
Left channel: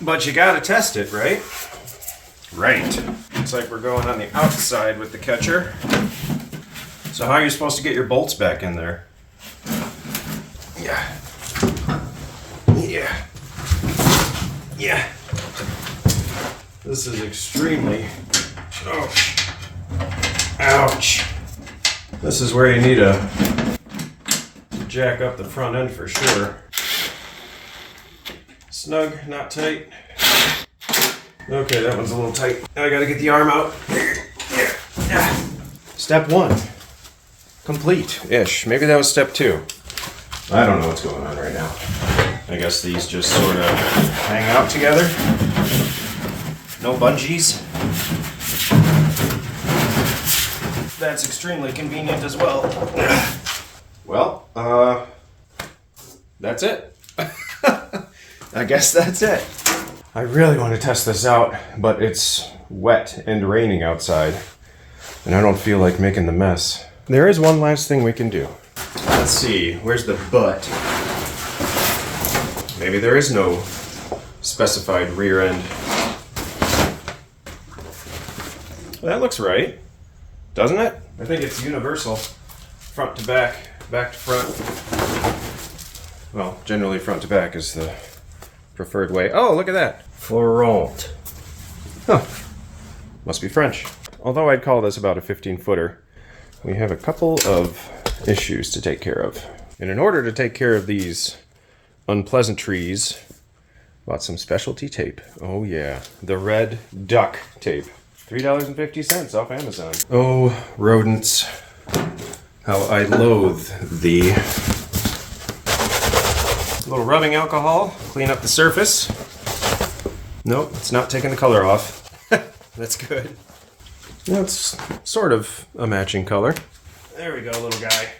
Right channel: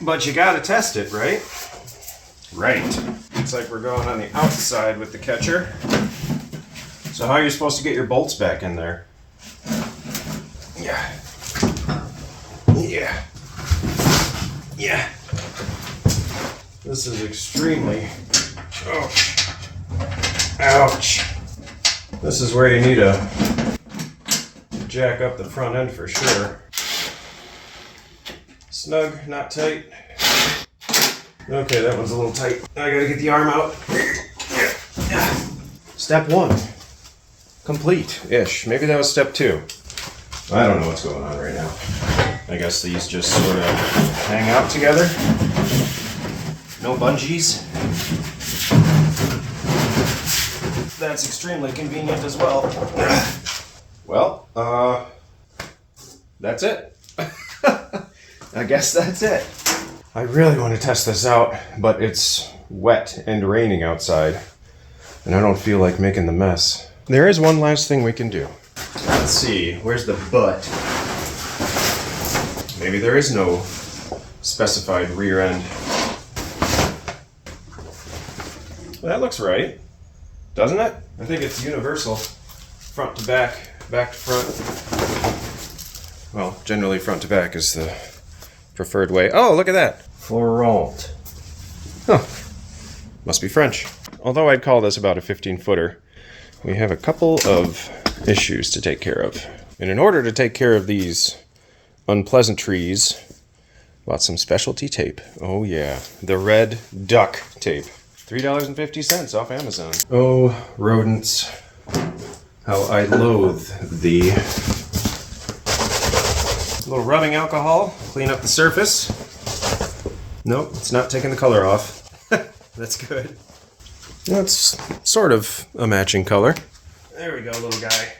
But you gotta test it, right? Right. Looks like we're going on the outside with the catcher. So how are you supposed to get your bolts back in there? Yeah. Yeah. Yeah. This is extremely... Ouch. Ouch. This is where you need to jack up the front end for sure. Snug, not tight. Okay, that one's a little tight. Now I gotta get the arm out. Step 1. Complete-ish. Maybe that was step 2. I don't know what's going on right now. I guess these just sort of hang out together. No bungees. That's extremely convenient as well. Well, that's it. I guess that's it. I really want to test this out, but it's wet and raining outside, and I don't feel like making the mess. There is one last thing we can do. Let's see, where's the butt? Maybe there is no specified rear end. Well, that looks right, doesn't it? I think it's universal. Front to back, back to front. Well, generally front to back is the preferred way. Oh, look at that. Florent. Huh. Must be French. Although I'd call this about a 15-footer, we have a couple of issues to take care of. And in order to take care of these unpleasantries, bought some specialty tape. Oh yeah, the red duck tape. $3.50 off Amazon. Oh, rodents. How I loathe the little rubbing alcohol. Clean up the surface. Nope, it's not taking the color off. That's good. That's sort of a matching color. There we go, little guy.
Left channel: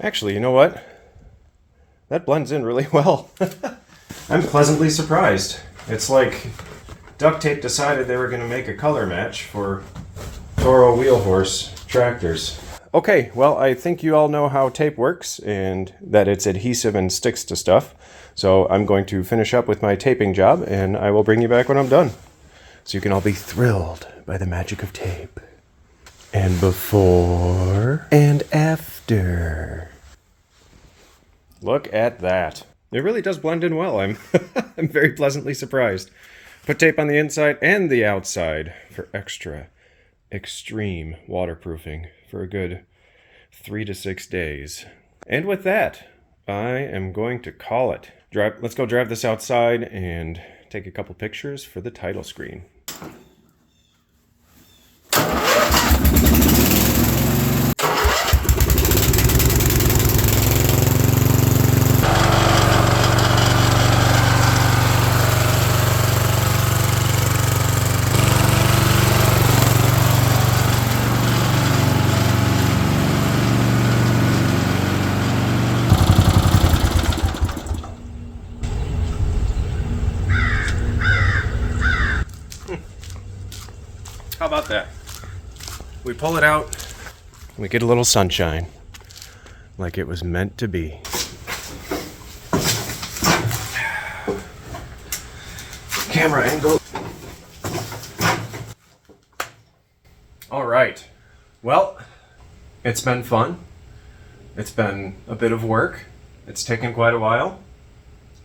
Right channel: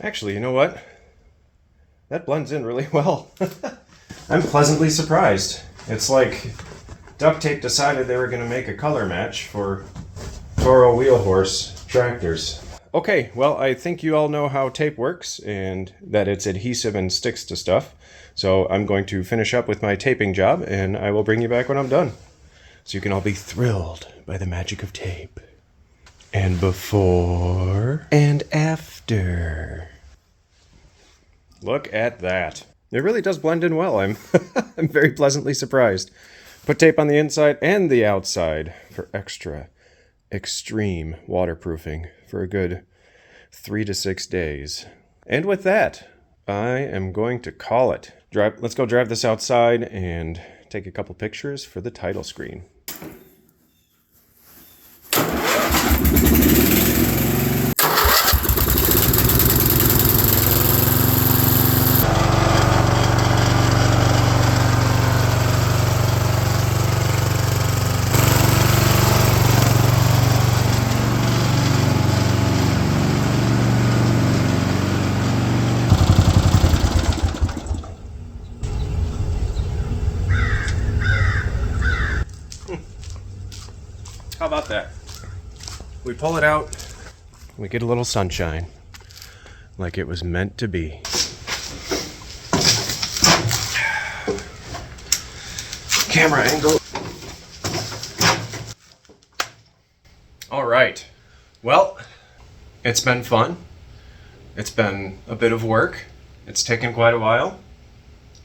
Actually, you know what? That blends in really well. I'm pleasantly surprised. It's like duct tape decided they were going to make a color match for Toro wheel horse tractors. Okay, well, I think you all know how tape works and that it's adhesive and sticks to stuff. So I'm going to finish up with my taping job and I will bring you back when I'm done. So you can all be thrilled by the magic of tape. And before and after. Look at that. It really does blend in well. I'm I'm very pleasantly surprised. Put tape on the inside and the outside for extra extreme waterproofing for a good 3 to 6 days. And with that, I am going to call it. Let's go drive this outside and take a couple pictures for the title screen. How about that? We pull it out, we get a little sunshine, like it was meant to be. Camera angle. All right. Well, it's been fun. It's been a bit of work. It's taken quite a while,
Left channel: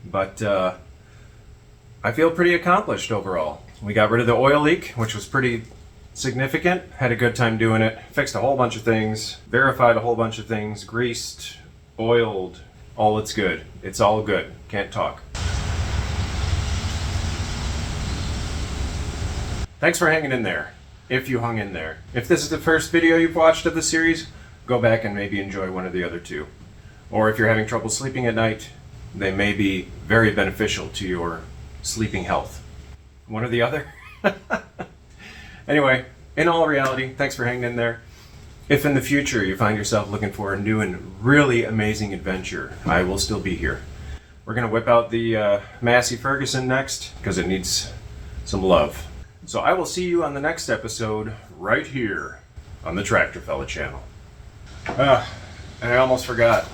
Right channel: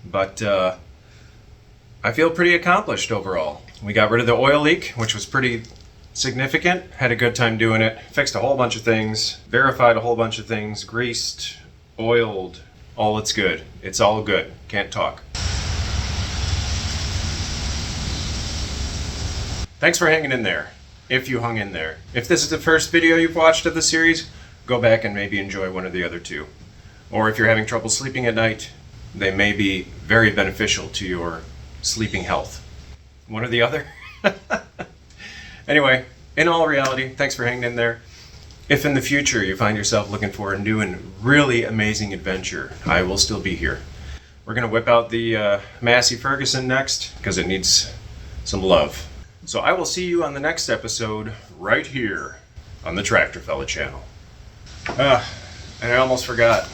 but I feel pretty accomplished overall. We got rid of the oil leak, which was pretty significant. Had a good time doing it. Fixed a whole bunch of things, verified a whole bunch of things, greased, oiled, all it's good. It's all good. Can't talk. Thanks for hanging in there, if you hung in there. If this is the first video you've watched of the series, go back and maybe enjoy one of the other two. Or if you're having trouble sleeping at night, they may be very beneficial to your sleeping health. One or the other. Anyway, in all reality, thanks for hanging in there. If in the future you find yourself looking for a new and really amazing adventure, I will still be here. We're going to whip out the Massey Ferguson next because it needs some love. So I will see you on the next episode right here on the Tractor Fella channel. And I almost forgot.